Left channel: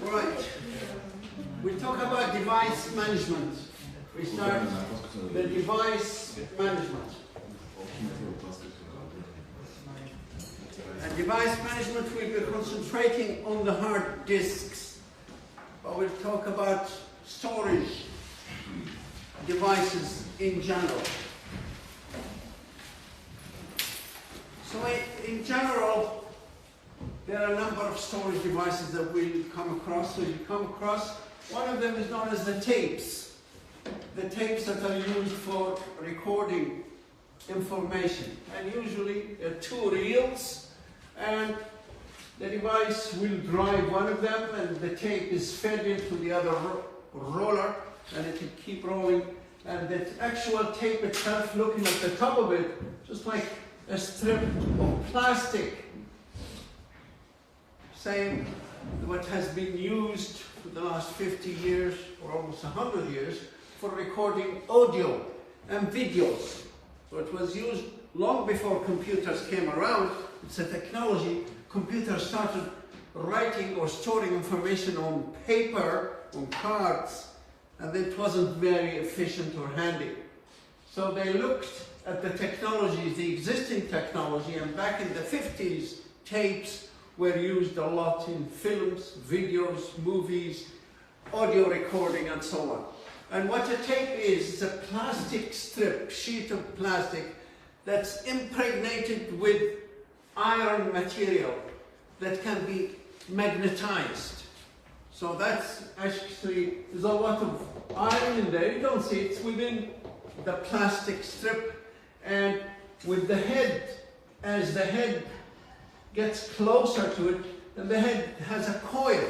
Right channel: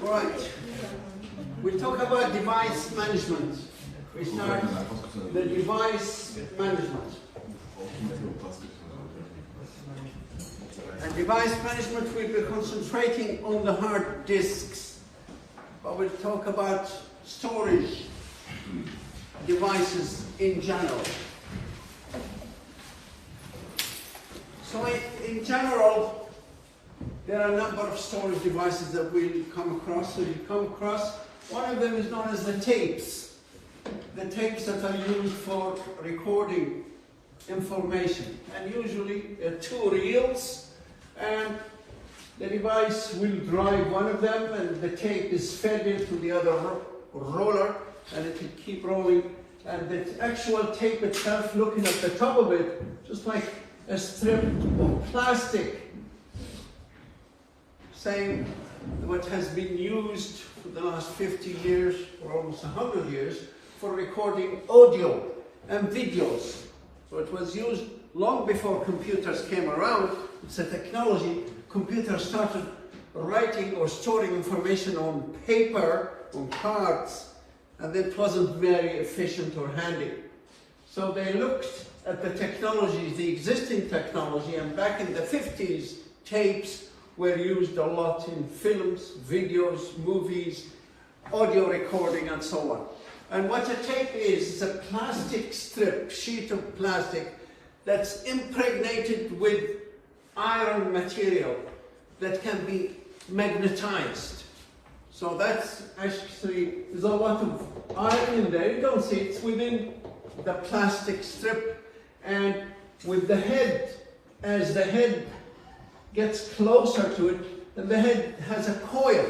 Right. We talk about device management. We start the device management. And device management will be concentrating on the hard disks, but we'll talk about storage devices in general. So in general, there are a number of storage devices that we'll come across. So you come across, one of them is known as the tapes. The tapes that are used for recording information. And usually there are two reels, and the device will drive one of them, and the tape is fed into the other roller, and it will keep rolling. And the actual tape itself, looking at the top of it, just like a strip of plastic, same what has been used for the last 50 years or almost 100 years for recording audio and videos. So it was used long before computers came around. It's a technology. Computers started writing or storing information on paper, on cards, and it wasn't very efficient or handy. So they looked at the technologies, the existing technology, and back in the 50s, tapes were used a lot in films, videos, movies, audio recording, and so on. And what a tape is, it's a plastic strip, sheet of plastic, that's impregnated with iron material that can be magnetized. So that's actually, there's a lot of iron in there. You don't see it, it's within the plastic strip. And with the head, as the head gets closer to it, then the head has a coil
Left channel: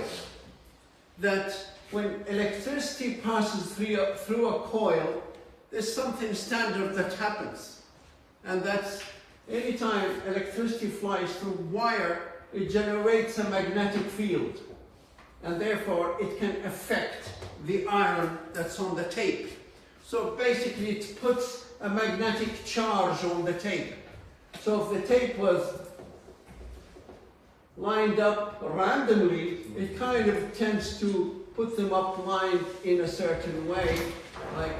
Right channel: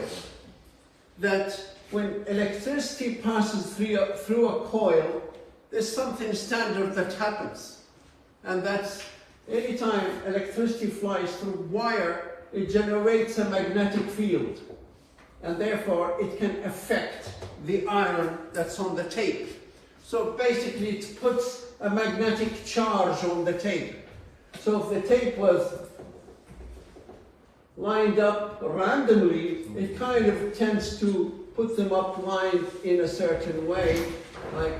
that when electricity passes through a coil, there's something standard that happens. And that's anytime electricity flies through wire, it generates a magnetic field. And therefore, it can affect the iron that's on the tape. So basically, it puts a magnetic charge on the tape. So if the tape was lined up randomly, it kind of tends to put them up lined in a certain way, like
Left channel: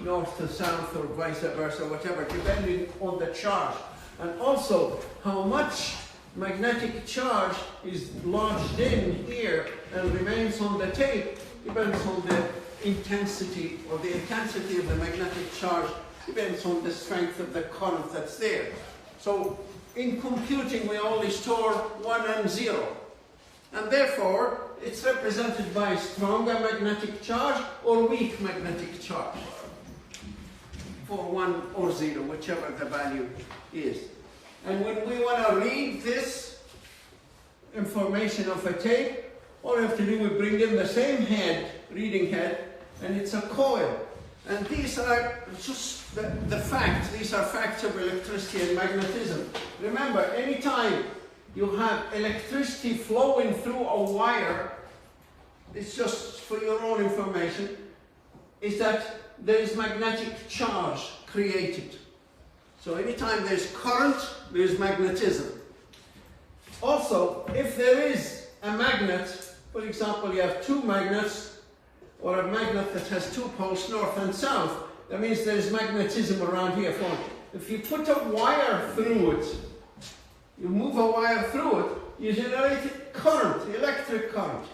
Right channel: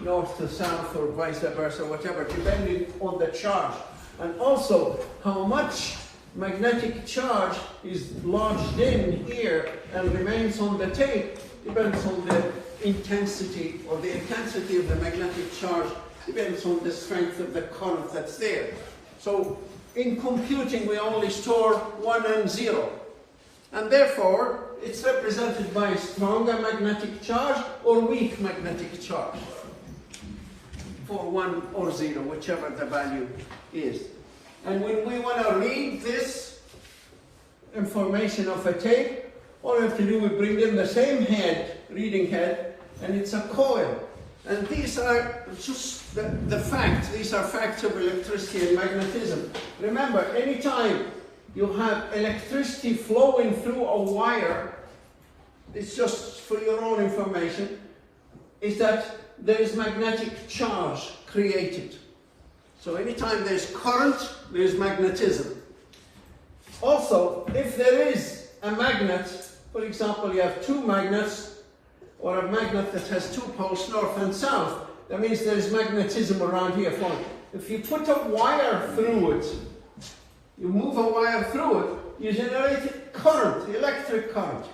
north to south or vice versa, whatever, depending on the charge. And also, how much magnetic charge is lodged in here and remains on the tape depends on the intensity, or the intensity of the magnetic charge depends on the strength of the current that's there. So in computing, we only store 1 and 0. And therefore, it's represented by stronger magnetic charge or weak magnetic charge for 1 or 0, whichever the value is. And when we want to read this information of a tape, all we have to do is bring in the same head, reading head, and it's a coil. And these are just the facts. These are facts of electricity and magnetism. Remember, anytime you have electricity flowing through a wire, it's just for your own information, is that there is magnetic charge created. So anytime there's current, there's magnetism. Also, if there is a magnet, for example, you have two magnets, or a magnet that has two poles, north and south, that means there's magnetism around here. If you put a wire through it, you move a wire through it, you generate current, electric current.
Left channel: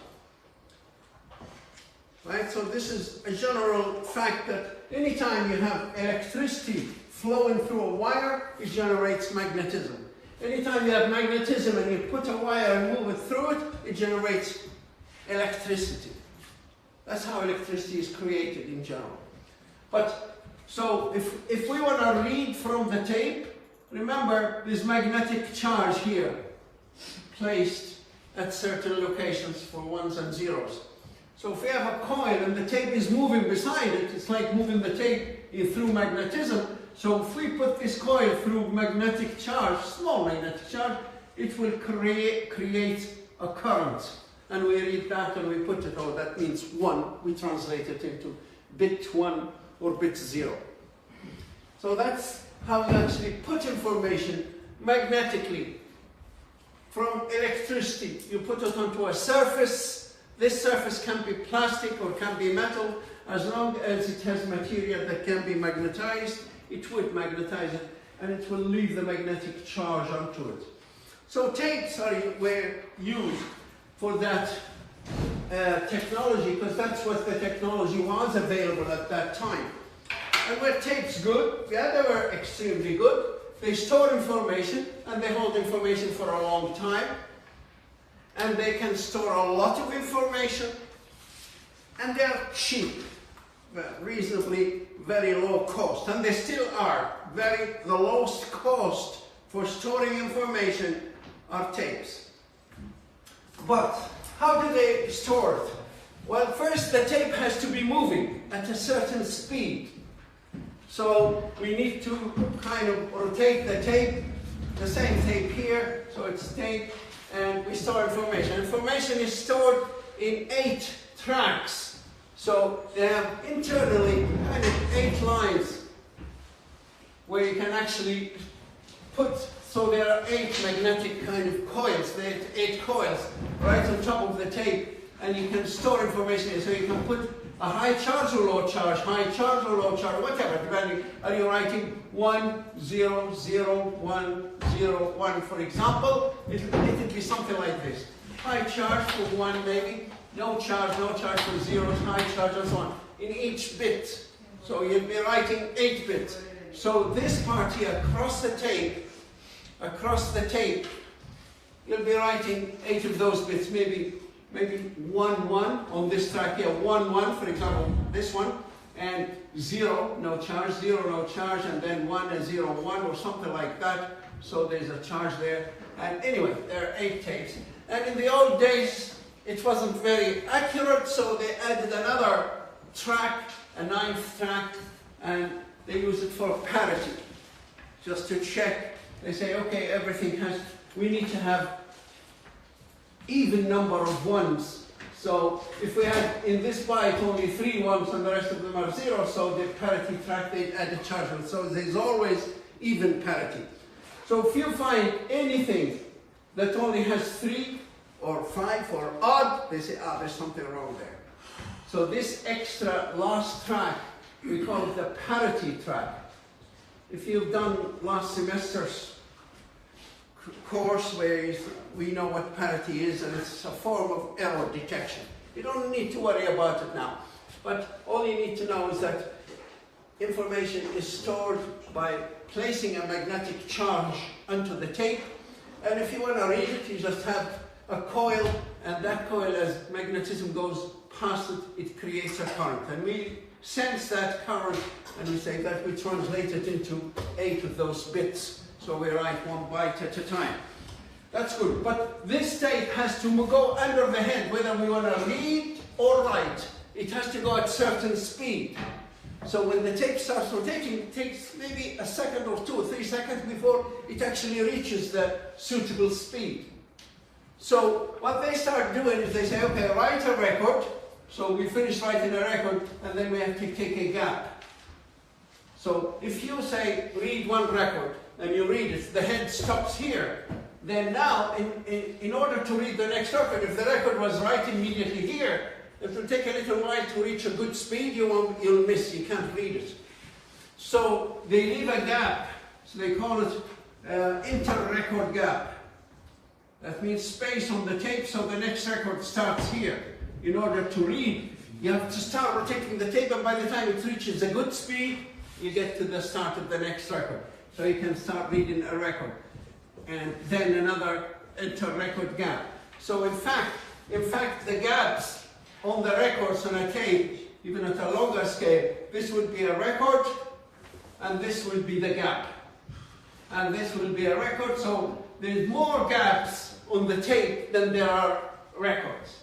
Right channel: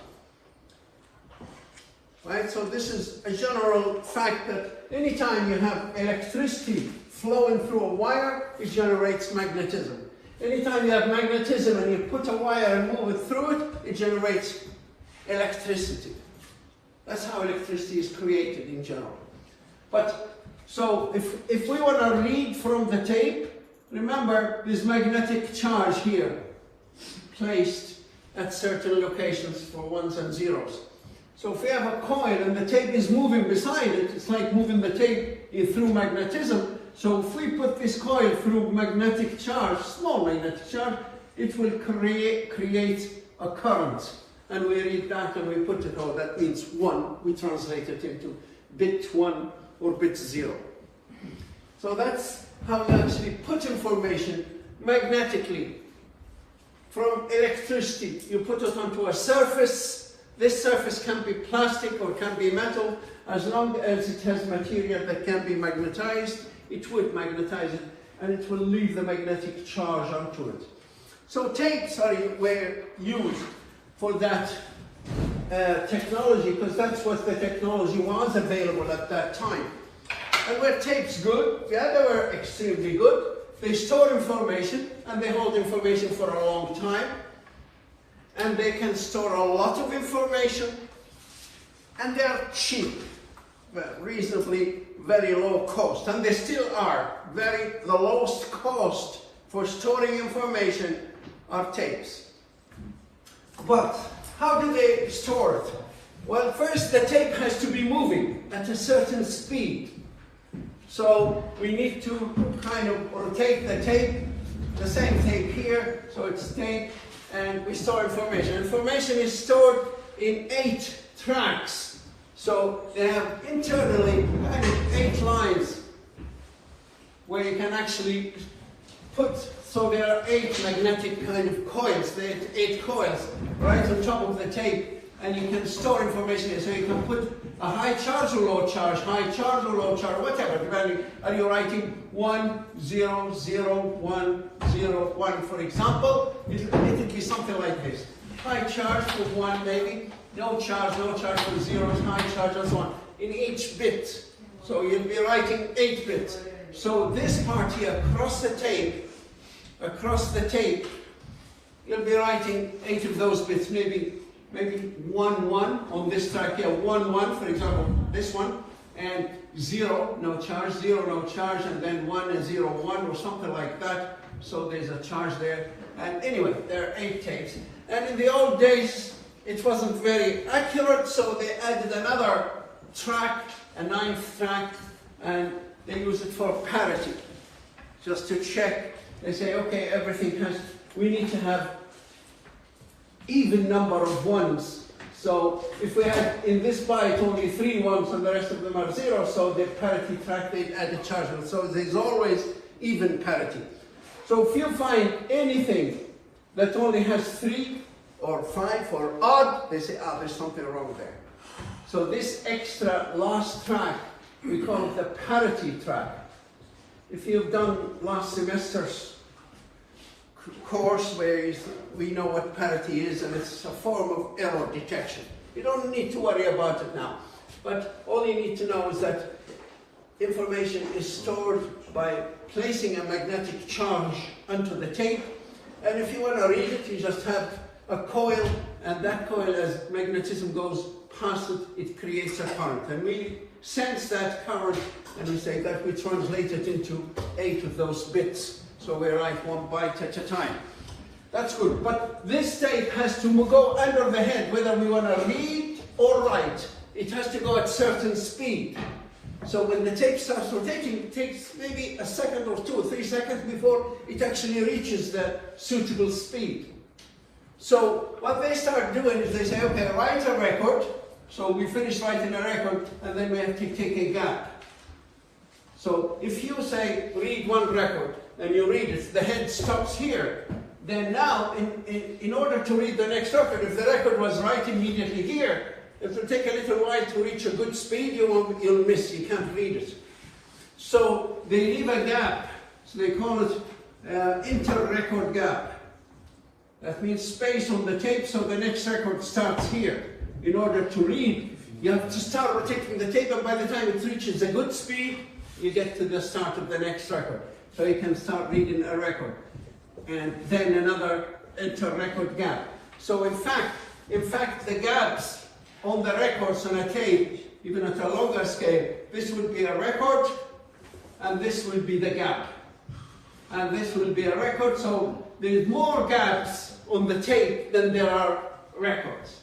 Right? So this is a general fact that anytime you have electricity flowing through a wire, it generates magnetism. Anytime you have magnetism and you put a wire and move it through it, it generates electricity. That's how electricity is created in general. But, so if we want to read from the tape, remember there's magnetic charge here, placed at certain locations for 1s and 0s. So if we have a coil and the tape is moving beside it, it's like moving the tape through magnetism. So if we put this coil through magnetic charge, small magnetic charge, it will create a current. And we read that and we put it, oh, that means 1. We translate it into bit 1 or bit 0. So that's how you actually put information magnetically from electricity. You put it onto a surface This surface can be plastic or can be metal. As long as it has material that can be magnetized, it would magnetize it, and it will leave the magnetic charge onto it. So tapes were used for that technology, because that's what the technology was available at that time. And were tapes good? Yeah, they were extremely good. They store information, and they hold information for a long time. And they can store a lot of information, and they're cheap, reasonably very low cost, and they still are. The lowest cost for storing information are tapes. But how do they store it? Well, first the tape has to be moving at a certain speed. So we need to kind of rotate the tape, the same tape here, so it's tape, and we store information. Information is stored in 8 tracks. So they have internally kind of 8 lines where you can actually put, so there are 8 magnetic kind of coils, there are 8 coils right on top of the tape, and you can store information here. So you can put a high charge or low charge, whatever, depending. Are you writing 1, 0, 0, 1, 0, 1, for example? It'll be something like this. High charge for 1 maybe, no charge for 0, high charge and so on, in each bit. So you'll be writing 8 bits. So this part here, across the tape, you'll be writing 8 of those bits, maybe 1, 1 on this track here, 1, 1, for example, this one, and 0, no charge, 0, no charge, and then 1 and 0, 1, or something like that. So there's a charge there. And anyway, there are 8 tapes. And in the old days, it wasn't very accurate, so they added another track, a 9th track, and they use it for parity, just to check. They say, okay, we need to have even number of 1s. So if we had in this byte only 3 1s and the rest of them are 0, so the parity track, they'd add a charge. So there's always even parity. So if you find anything that only has 3 or 5 or odd, they say, there's something wrong there. So this extra last track, we call it the parity track. If you've done last semester's course where we know what parity is, and it's a form of error detection. You don't need to worry about it now. But all you need to know is that information is stored by placing a magnetic charge onto the tape. And if you want to read it, you just have a coil, and that coil, as magnetism goes past it, it creates a current. And we sense that current, and we say that we translate it into 8 of those bits. So we write 1 byte at a time. That's good. But this tape has to go under the head, whether we want to read or write. It has to go at certain speed. So when the tape starts rotating, it takes maybe a second or 2 or 3 seconds before it actually reaches the suitable speed. So what they start doing is they say, okay, write a record. So we finish writing a record, and then we have to take a gap. So if you say, read 1 record, and you read it, the head stops here. Then now, in order to read the next record, if the record was right immediately here, it will take a little while to reach a good speed, you'll miss, you can't read it. So they leave a gap, so they call it inter-record gap. That means space on the tape, so the next record starts here. In order to read, you have to start rotating the tape, and by the time it reaches a good speed, you get to the start of the next record. So you can start reading a record. And then another inter-record gap. So in fact, the gaps on the records on a tape, even at a longer scale, this would be a record, and this will be the gap. And this will be a record, so there's more gaps on the tape than there are records.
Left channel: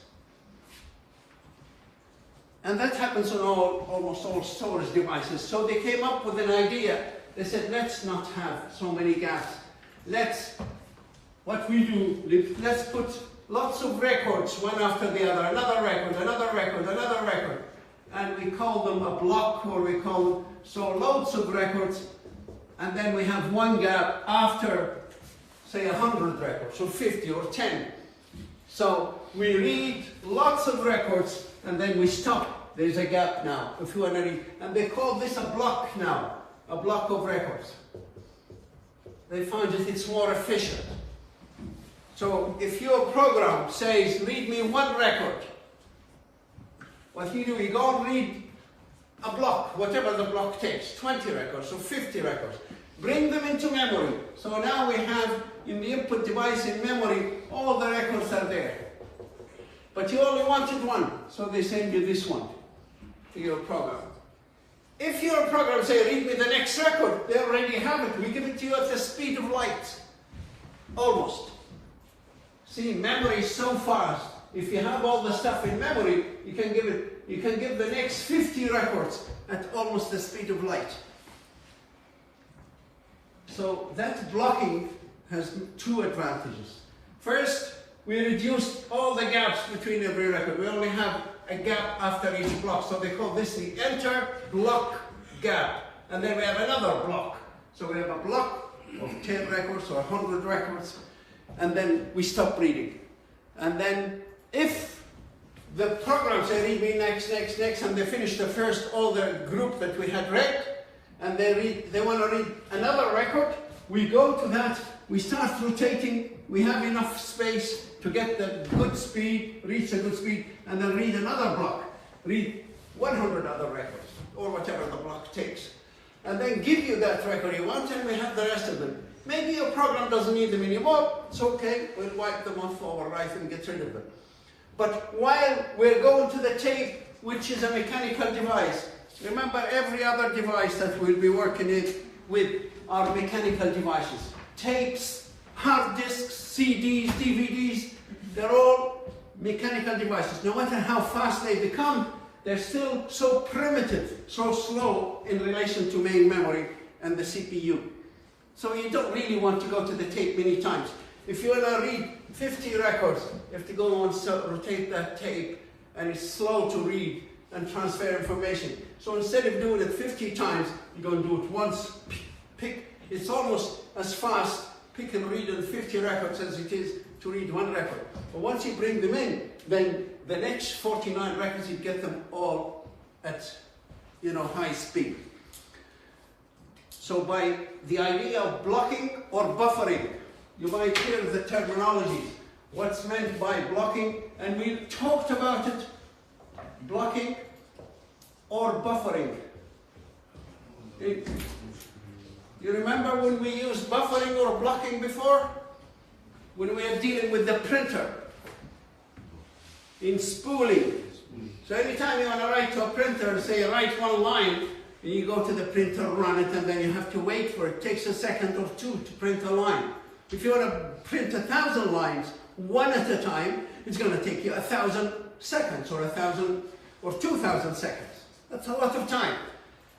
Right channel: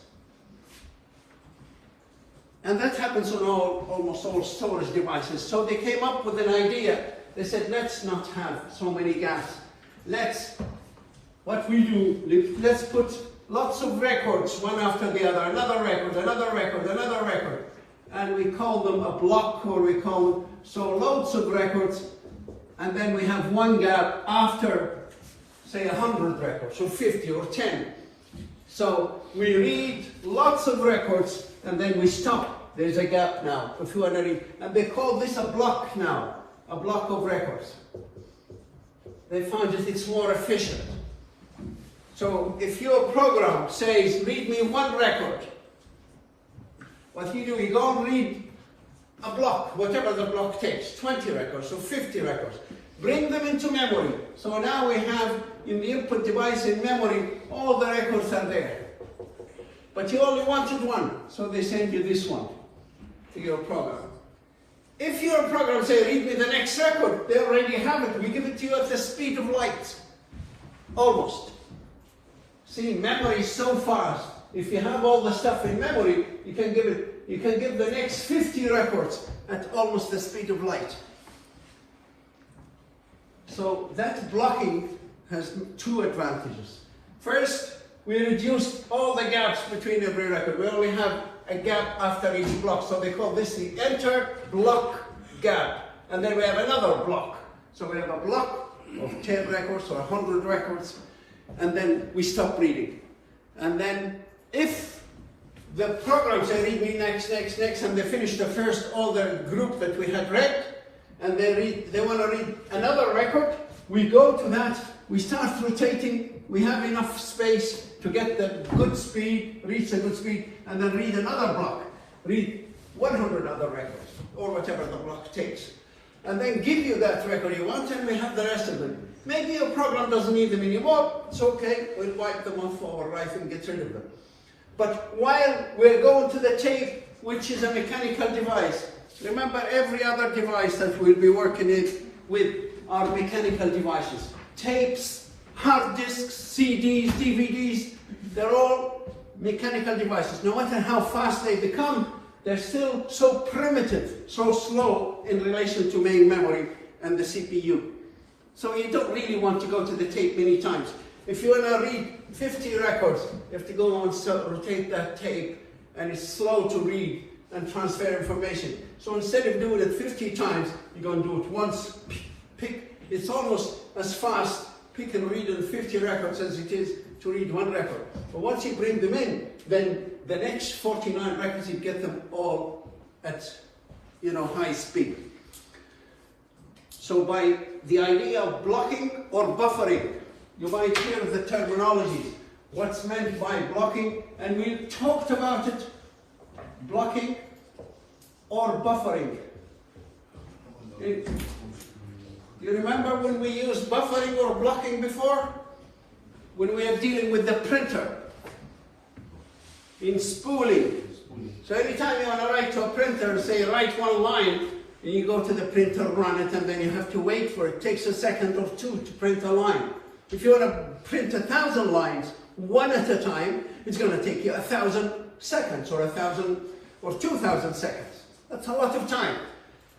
And that happens on almost all storage devices. So they came up with an idea. They said, let's not have so many gaps. Let's put lots of records, one after the other, another record, another record, another record. And we call them a block, or we call them, so loads of records, and then we have 1 gap after, say, 100 records, or 50, or 10. So we read lots of records and then we stop. There's a gap now, if you want to read. And they call this a block now, a block of records. They find that it's more efficient. So if your program says, read me one record, what you do, you go and read a block, whatever the block takes, 20 records or 50 records. Bring them into memory. So now we have in the input device in memory, all the records are there. But you only wanted one, so they send you this one to your program. If your program says, read me the next record, they already have it. We give it to you at the speed of light. Almost. See, memory is so fast. If you have all the stuff in memory, you can give the next 50 records at almost the speed of light. So that blocking has two advantages. First, we reduced all the gaps between every record. We only have a gap after each block. So they call this the enter block gap. And then we have another block. So we have a block of 10 records or 100 records. And then we stop reading. And then if the program says read me next, and they finish the first, all the group that we had read, and they want to read another record, we go to that, we start rotating, we have enough space to get the good speed, reach the good speed, and then read another block. Read 100 other records, or whatever the block takes. And then give you that record you want, and we have the rest of them. Maybe your program doesn't need them anymore, it's okay, we'll wipe them off our right and get rid of them. But while we're going to the tape, which is a mechanical device, remember every other device that we'll be working with are mechanical devices. Tapes, hard disks, CDs, DVDs, they're all mechanical devices. No matter how fast they become, they're still so primitive, so slow in relation to main memory and the CPU. So you don't really want to go to the tape many times. If you want to read 50 records, you have to go and rotate that tape, and it's slow to read and transfer information. So instead of doing it 50 times, you're going to do it once, pick. It's almost as fast, pick and read in 50 records as it is to read one record. But once you bring them in, then the next 49 records, you get them all at, high speed. So by the idea of blocking or buffering, you might hear the terminology, what's meant by blocking, and we talked about it, blocking or buffering. You remember when we used buffering or blocking before? When we are dealing with the printer, in spooling. So anytime you want to write to a printer, say write one line, and you go to the printer, run it, and then you have to wait for it. It takes a second or two to print a line. If you want to print 1,000 lines, one at a time, it's going to take you 1,000 seconds, or 1,000 or 2,000 seconds. That's a lot of time.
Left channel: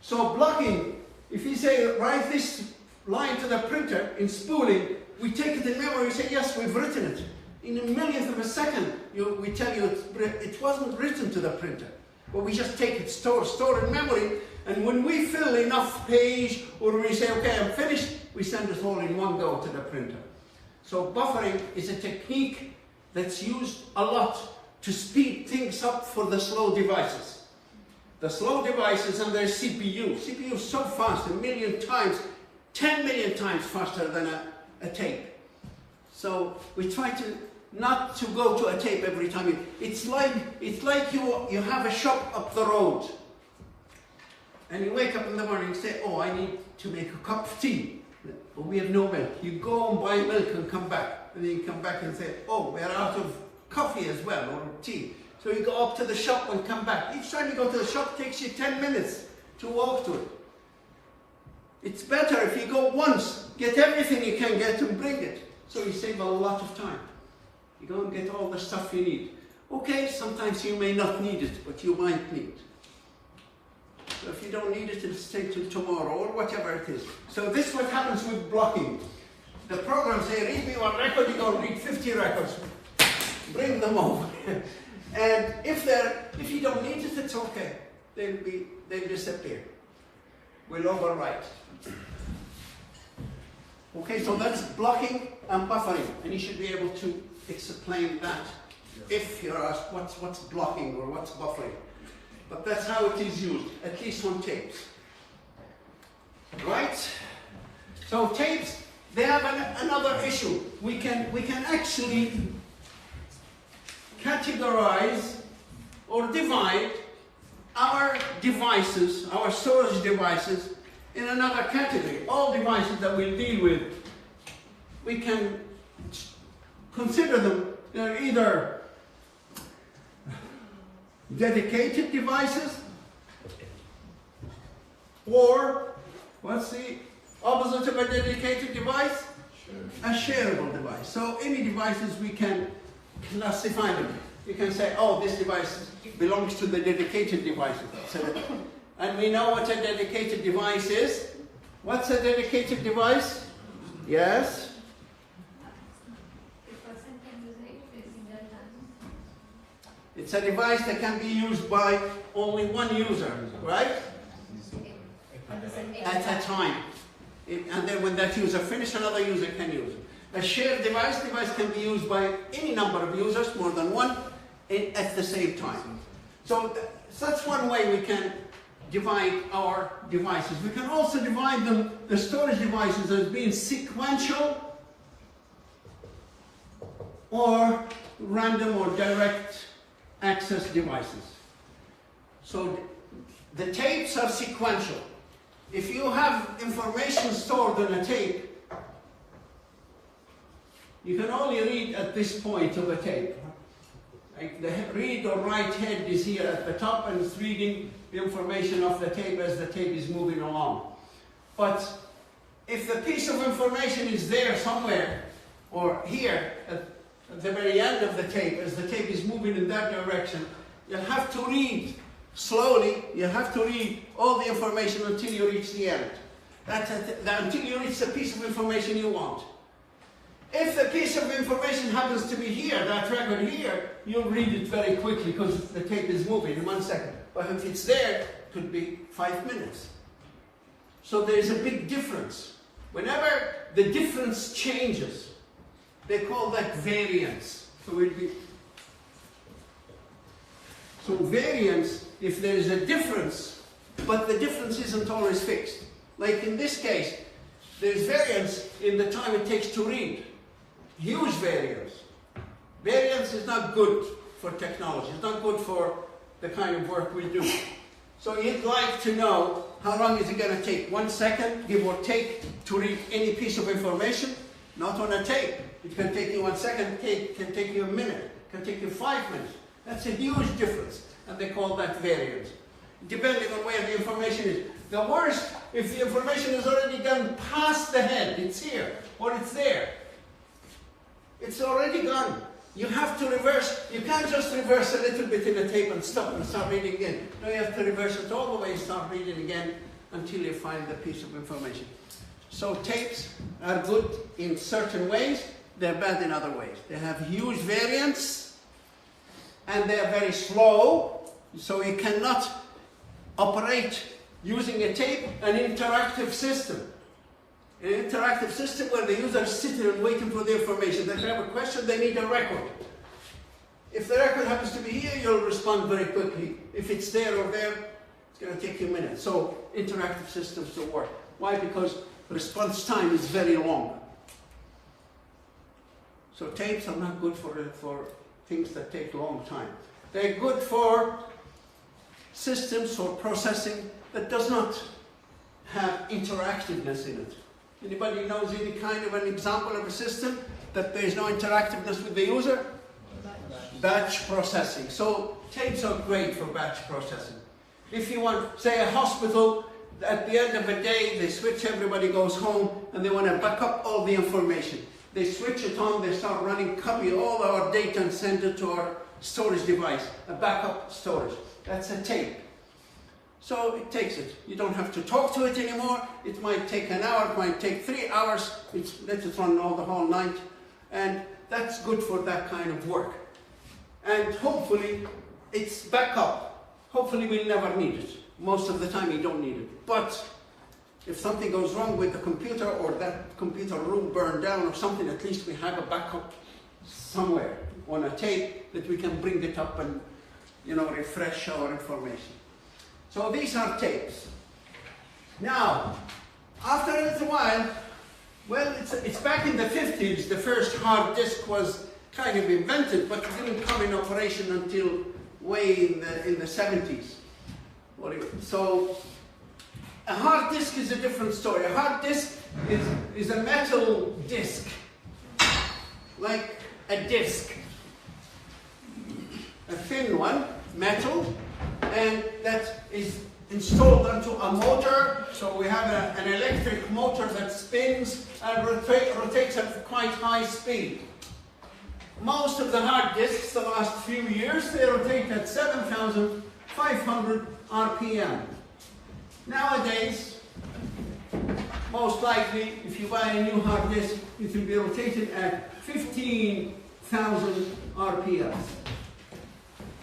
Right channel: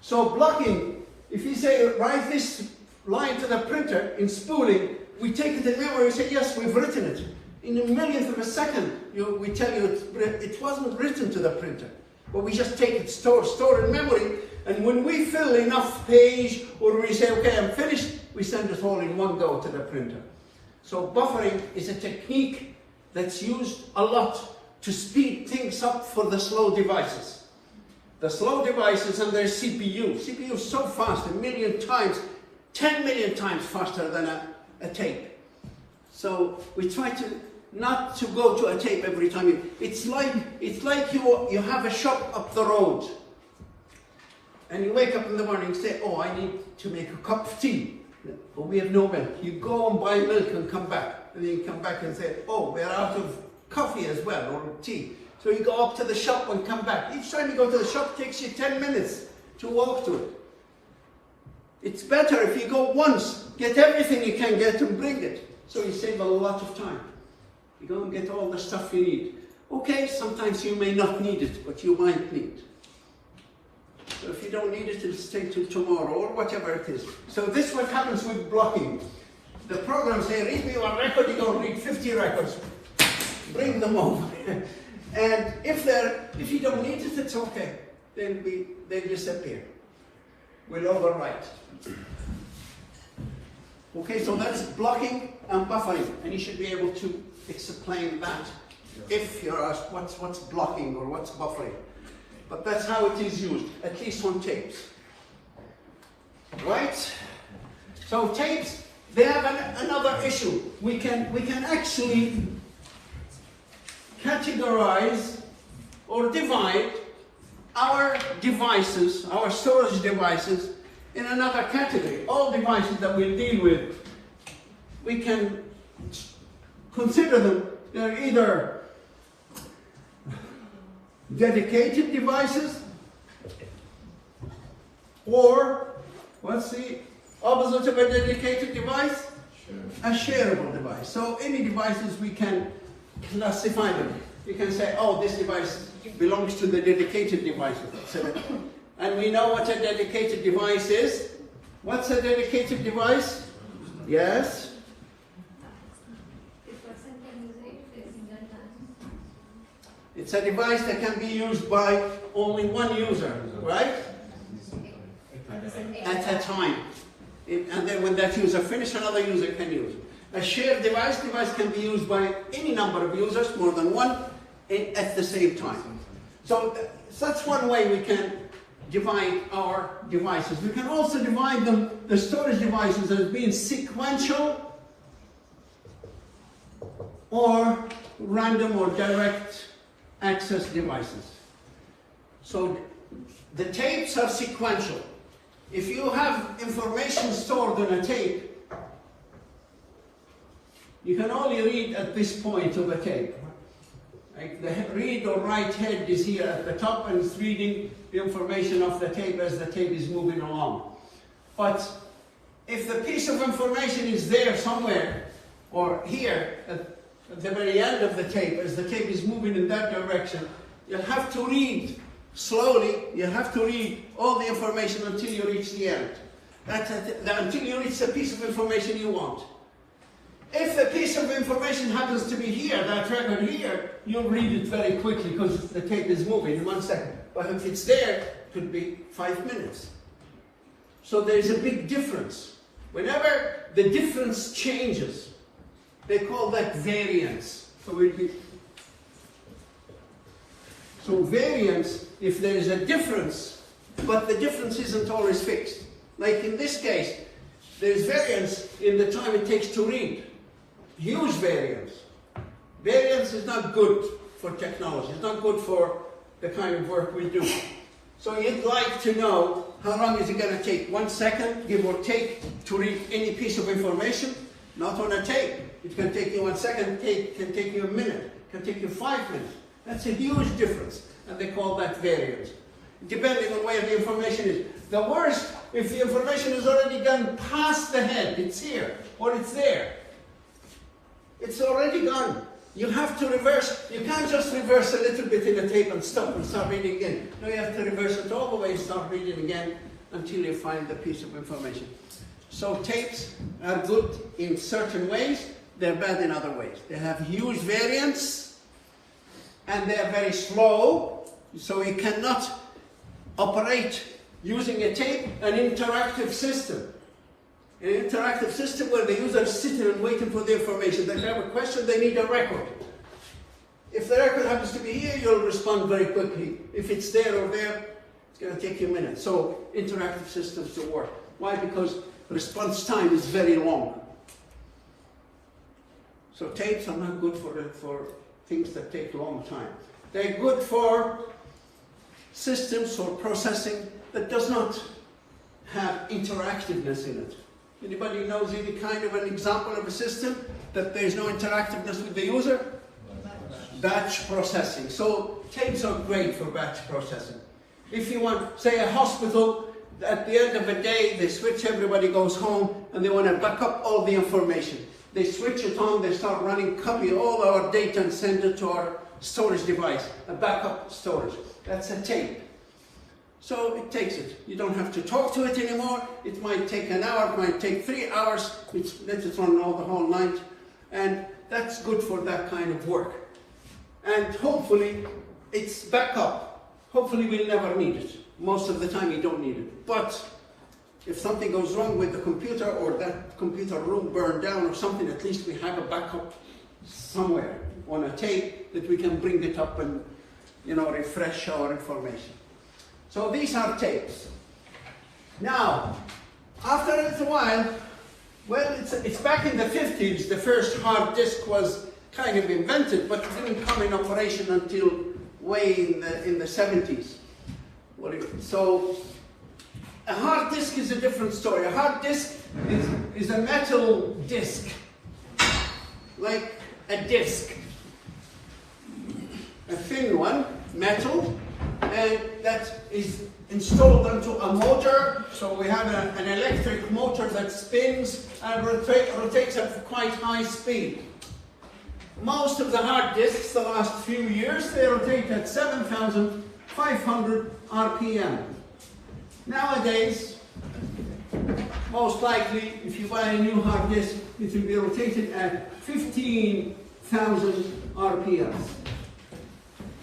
So blocking, if you say write this line to the printer in spooling, we take it in memory and say, yes, we've written it. In a millionth of a second, we tell you it wasn't written to the printer. But we just take it, store in memory, and when we fill enough page, or we say, okay, I'm finished, we send it all in one go to the printer. So buffering is a technique that's used a lot to speed things up for the slow devices. The slow devices and their CPU. CPU is so fast, 1 million times, 10 million times faster than a tape. So we try to not to go to a tape every time. It's like you have a shop up the road, and you wake up in the morning and say, oh, I need to make a cup of tea, but we have no milk. You go and buy milk and come back, and then you come back and say, oh, we're out of coffee as well, or tea. So you go up to the shop and come back. Each time you go to the shop, it takes you 10 minutes to walk to it. It's better if you go once, get everything you can get and bring it. So you save a lot of time. You go and get all the stuff you need. Okay, sometimes you may not need it, but you might need. So if you don't need it, it'll stay till tomorrow, or whatever it is. So this is what happens with blocking. The programs say, read me one record, you go read 50 records. Bring them over. And if you don't need it, it's okay. They'll disappear. We'll overwrite. Okay, so that's blocking and buffering, and you should be able to explain that if you're asked what's blocking or what's buffering. But that's how it is used, at least on tapes. Right? So tapes, they have another issue. We can actually categorize or divide our devices, our storage devices, in another category. All devices that we'll deal with, we can consider them, they're either dedicated devices, or what's the opposite of a dedicated device? A shareable device. So any devices we can classify them. You can say, oh, this device belongs to the dedicated devices. And we know what a dedicated device is. What's a dedicated device? Yes? It's a device that can be used by only one user, right? At a time. And then when that user finishes, another user can use it. A shared device can be used by any number of users, more than one, at the same time. So that's one way we can divide our devices. We can also divide them, the storage devices, as being sequential or random or direct access devices. So the tapes are sequential. If you have information stored on a tape, you can only read at this point of a tape. Like the read or write head is here at the top and it's reading the information of the tape as the tape is moving along. But if the piece of information is there somewhere, or here at the very end of the tape, as the tape is moving in that direction, you'll have to read slowly, you have to read all the information until you reach the end. Until you reach the piece of information you want. If the piece of information happens to be here, that record here, you'll read it very quickly because the tape is moving in 1 second. But if it's there, it could be 5 minutes. So there's a big difference. Whenever the difference changes, they call that variance. So variance, if there is a difference, but the difference isn't always fixed. Like in this case, there's variance in the time it takes to read. Huge variance. Variance is not good for technology. It's not good for the kind of work we do. So you'd like to know how long is it going to take? 1 second, give or take, to read any piece of information? Not on a tape. It can take you 1 second, it can take you a minute, it can take you 5 minutes. That's a huge difference, and they call that variance. Depending on where the information is. The worst, if the information is already gone past the head, it's here, or it's there. It's already gone. You have to reverse. You can't just reverse a little bit in the tape and stop and start reading again. No, you have to reverse it all the way and start reading again until you find the piece of information. So tapes are good in certain ways, they're bad in other ways. They have huge variance, and they're very slow, so you cannot operate using a tape, an interactive system. An interactive system where the user is sitting and waiting for the information. They have a question, they need a record. If the record happens to be here, you'll respond very quickly. If it's there or there, it's going to take you a minute. So interactive systems don't work. Why? Because response time is very long. So tapes are not good for things that take a long time. They're good for systems or processing that does not have interactiveness in it. Anybody knows any kind of an example of a system that there's no interactiveness with the user? Batch processing. So tapes are great for batch processing. If you want, say, a hospital, at the end of the day, they switch, everybody goes home, and they want to back up all the information. They switch it on, they start running, copy all our data and send it to our storage device, a backup storage. That's a tape. So it takes it. You don't have to talk to it anymore. It might take an hour, it might take 3 hours. Let it run all the whole night. And that's good for that kind of work. And hopefully it's backup. Hopefully we'll never need it. Most of the time you don't need it. But if something goes wrong with the computer, or that computer room burned down or something, at least we have a backup somewhere on a tape that we can bring it up and, you know, refresh our information. So these are tapes. Now, after a little while, well, it's back in the 50s, the first hard disk was kind of invented, but it didn't come in operation until way in the 70s. So a hard disk is a different story. A hard disk is a metal disk, like a disk, a thin one, metal, and that is installed onto a motor. So we have an electric motor that spins and rotates at quite high speed. Most of the hard disks, the last few years, they rotate at 7,500 RPM. Nowadays, most likely, if you buy a new hard disk, it will be rotated at 15,000 RPM.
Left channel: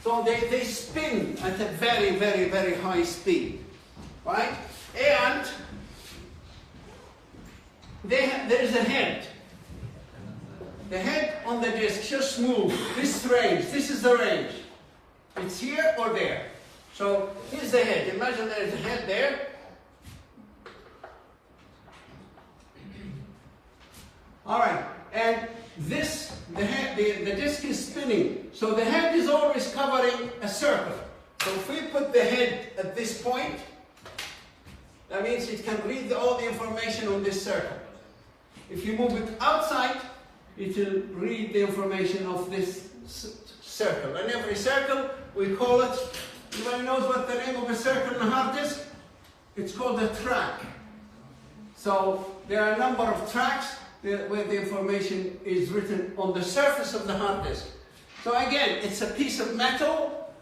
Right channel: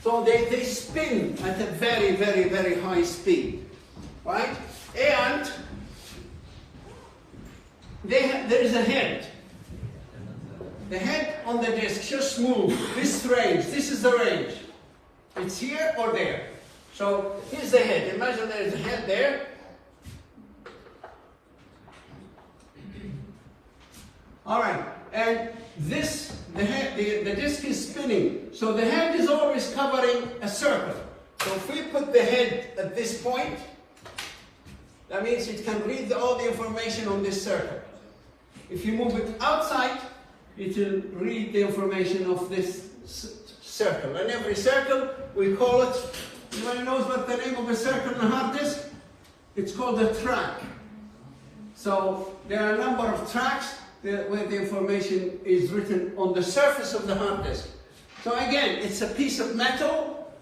So they spin at a very, very, very high speed, right? And there is a head. The head on the disk just moves this range. This is the range. It's here or there. So here's the head. Imagine there is a head there. All right, and this, the disk is spinning. So the head is always covering a circle. So if we put the head at this point, that means it can read all the information on this circle. If you move it outside, it will read the information of this circle. And every circle, we call it, anybody knows what the name of a circle in a hard disk? It's called a track. So there are a number of tracks where the information is written on the surface of the hard disk. So again, it's a piece of metal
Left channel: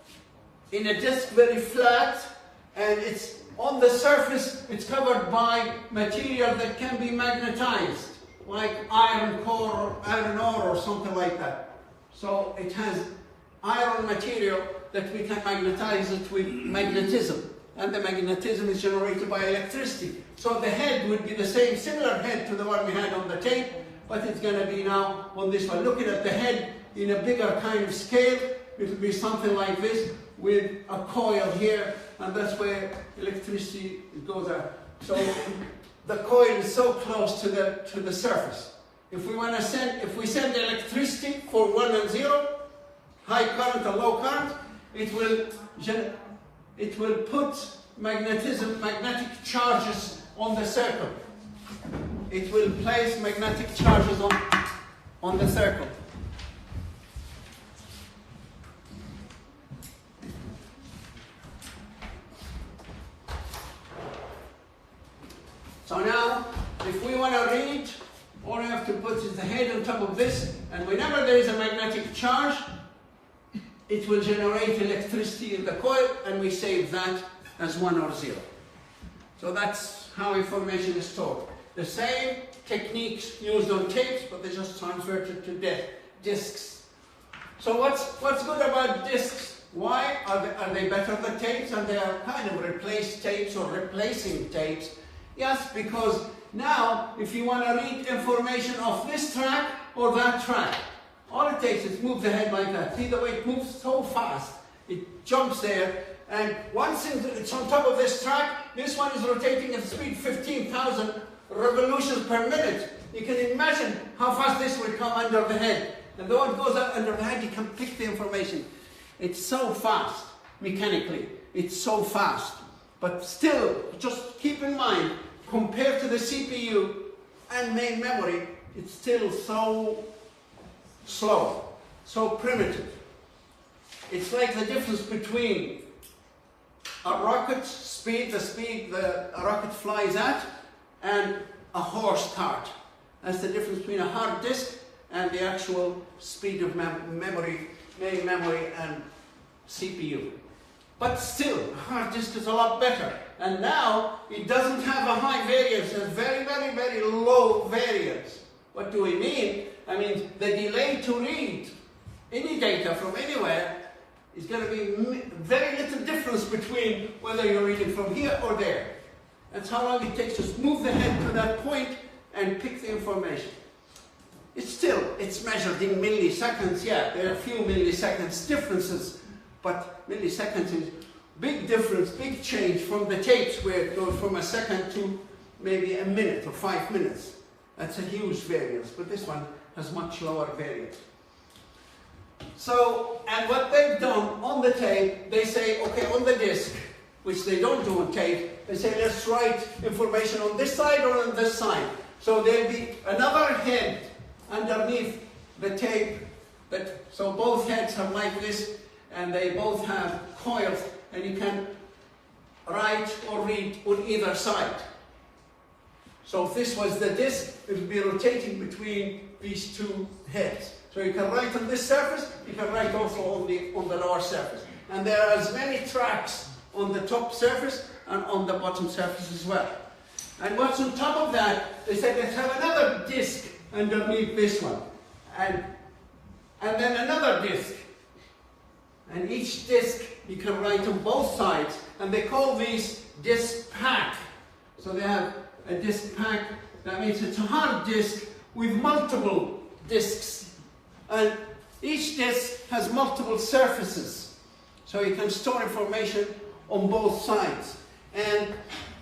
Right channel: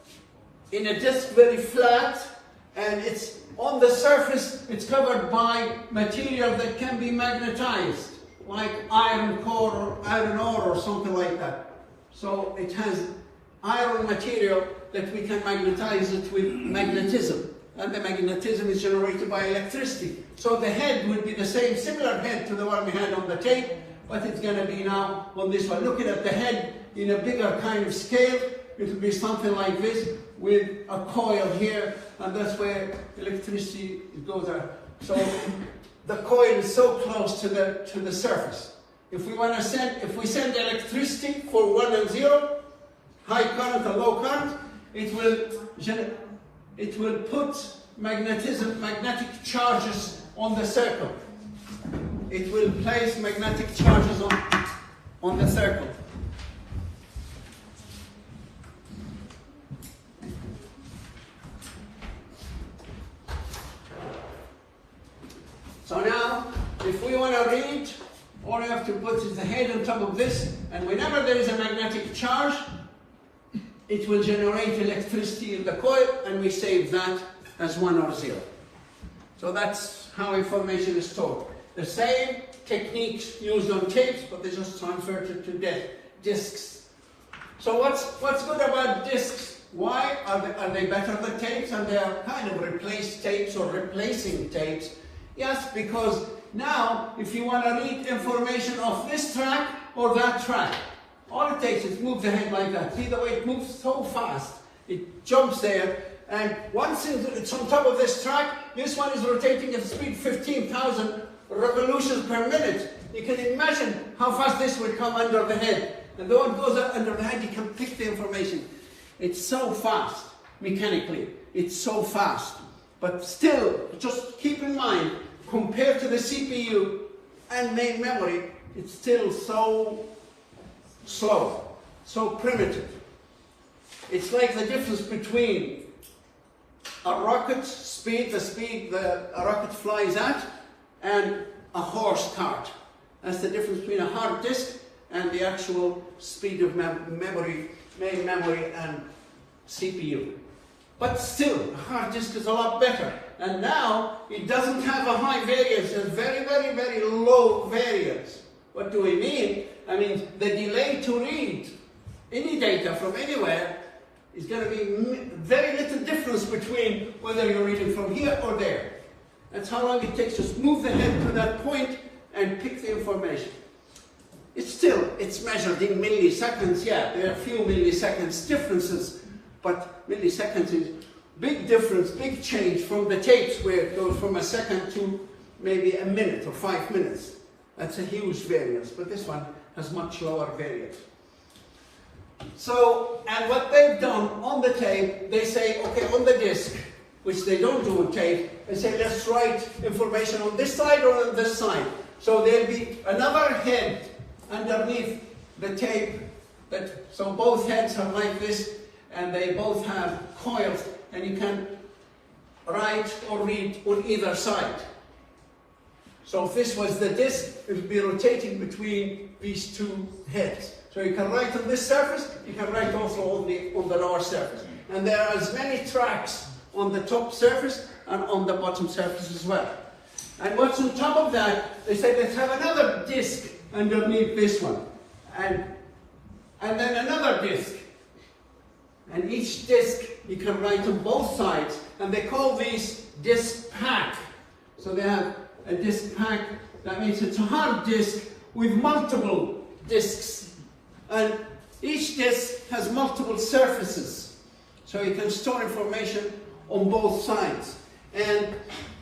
in a disk, very flat, and it's on the surface, it's covered by material that can be magnetized, like iron core or iron ore or something like that. So it has iron material that we can magnetize it with magnetism, and the magnetism is generated by electricity. So the head would be the same, similar head to the one we had on the tape, but it's going to be now on this one. Looking at the head in a bigger kind of scale, it will be something like this with a coil here, and that's where electricity goes out. So the coil is so close to the surface. If we want to if we send electricity for 1 and 0, high current and low current, it will put magnetic charges on the circle. It will place magnetic charges on the circle. So now, if we want to read, all you have to put is the head on top of this, and whenever there is a magnetic charge, it will generate electricity in the coil, and we save that as 1 or 0. So that's how information is stored. The same techniques used on tapes, but they just transferred it to disks. So what's good about disks? Why are they better than tapes? And they are kind of replaced tapes or replacing tapes. Yes, because now if you want to read information off this track or that track, all it takes is move the head like that. See the way it moves so fast? It jumps there, and once it's on top of this track, this one is rotating at speed 15,000 revolutions per minute. You can imagine how fast this will come under the head. And though it goes under the head, you can pick the information. It's so fast, mechanically. It's so fast. But still, just keep in mind, compared to the CPU and main memory, it's still so slow, so primitive. It's like the difference between a rocket speed, the speed a rocket flies at, and a horse cart. That's the difference between a hard disk and the actual speed of memory, main memory and CPU. But still, a hard disk is a lot better. And now, it doesn't have a high variance, it's very, very, very low variance. What do we mean? I mean, the delay to read any data from anywhere is going to be very little difference between whether you're reading from here or there. That's how long it takes. Just move the head to that point and pick the information. it's measured in milliseconds. Yeah, there are a few milliseconds differences, but milliseconds is big difference, big change from the tapes where it goes from a second to maybe a minute or 5 minutes. That's a huge variance, but this one has much lower variance. So, and what they've done on the tape, they say, okay, on the disc, which they don't do on tape, they say, let's write information on this side or on this side. So there'll be another head underneath the tape, so both heads are like this, and they both have coils, and you can write or read on either side. So if this was the disc, it would be rotating between these two heads. So you can write on this surface, you can write also on the lower surface. And there are as many tracks on the top surface and on the bottom surface as well. And what's on top of that, they said let's have another disc underneath this one. And then another disc. And each disc you can write on both sides, and they call these disc pack. So they have a disc pack, that means it's a hard disc with multiple discs. And each disc has multiple surfaces. So you can store information on both sides. And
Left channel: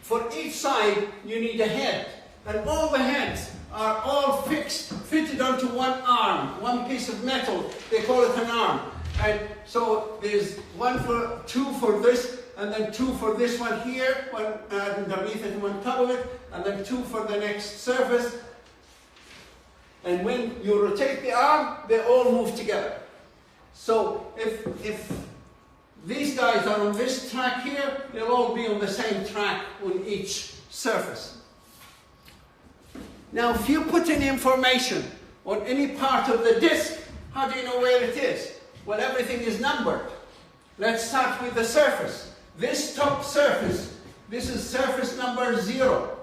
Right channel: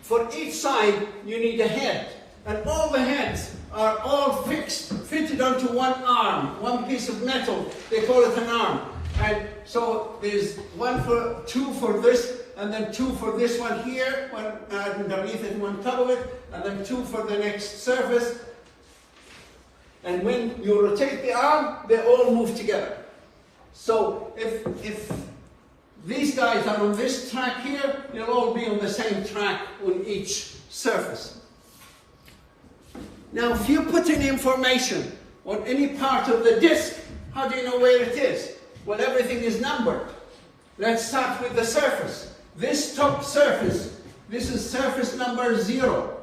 for each side you need a head. And all the heads are all fitted onto one arm, one piece of metal. They call it an arm. And so there's two for this, and then two for this one here, one underneath it and one on top of it, and then two for the next surface. And when you rotate the arm, they all move together. So if these guys are on this track here, they'll all be on the same track on each surface. Now, if you put in information on any part of the disc, how do you know where it is? Well, everything is numbered. Let's start with the surface. This top surface, this is surface number 0.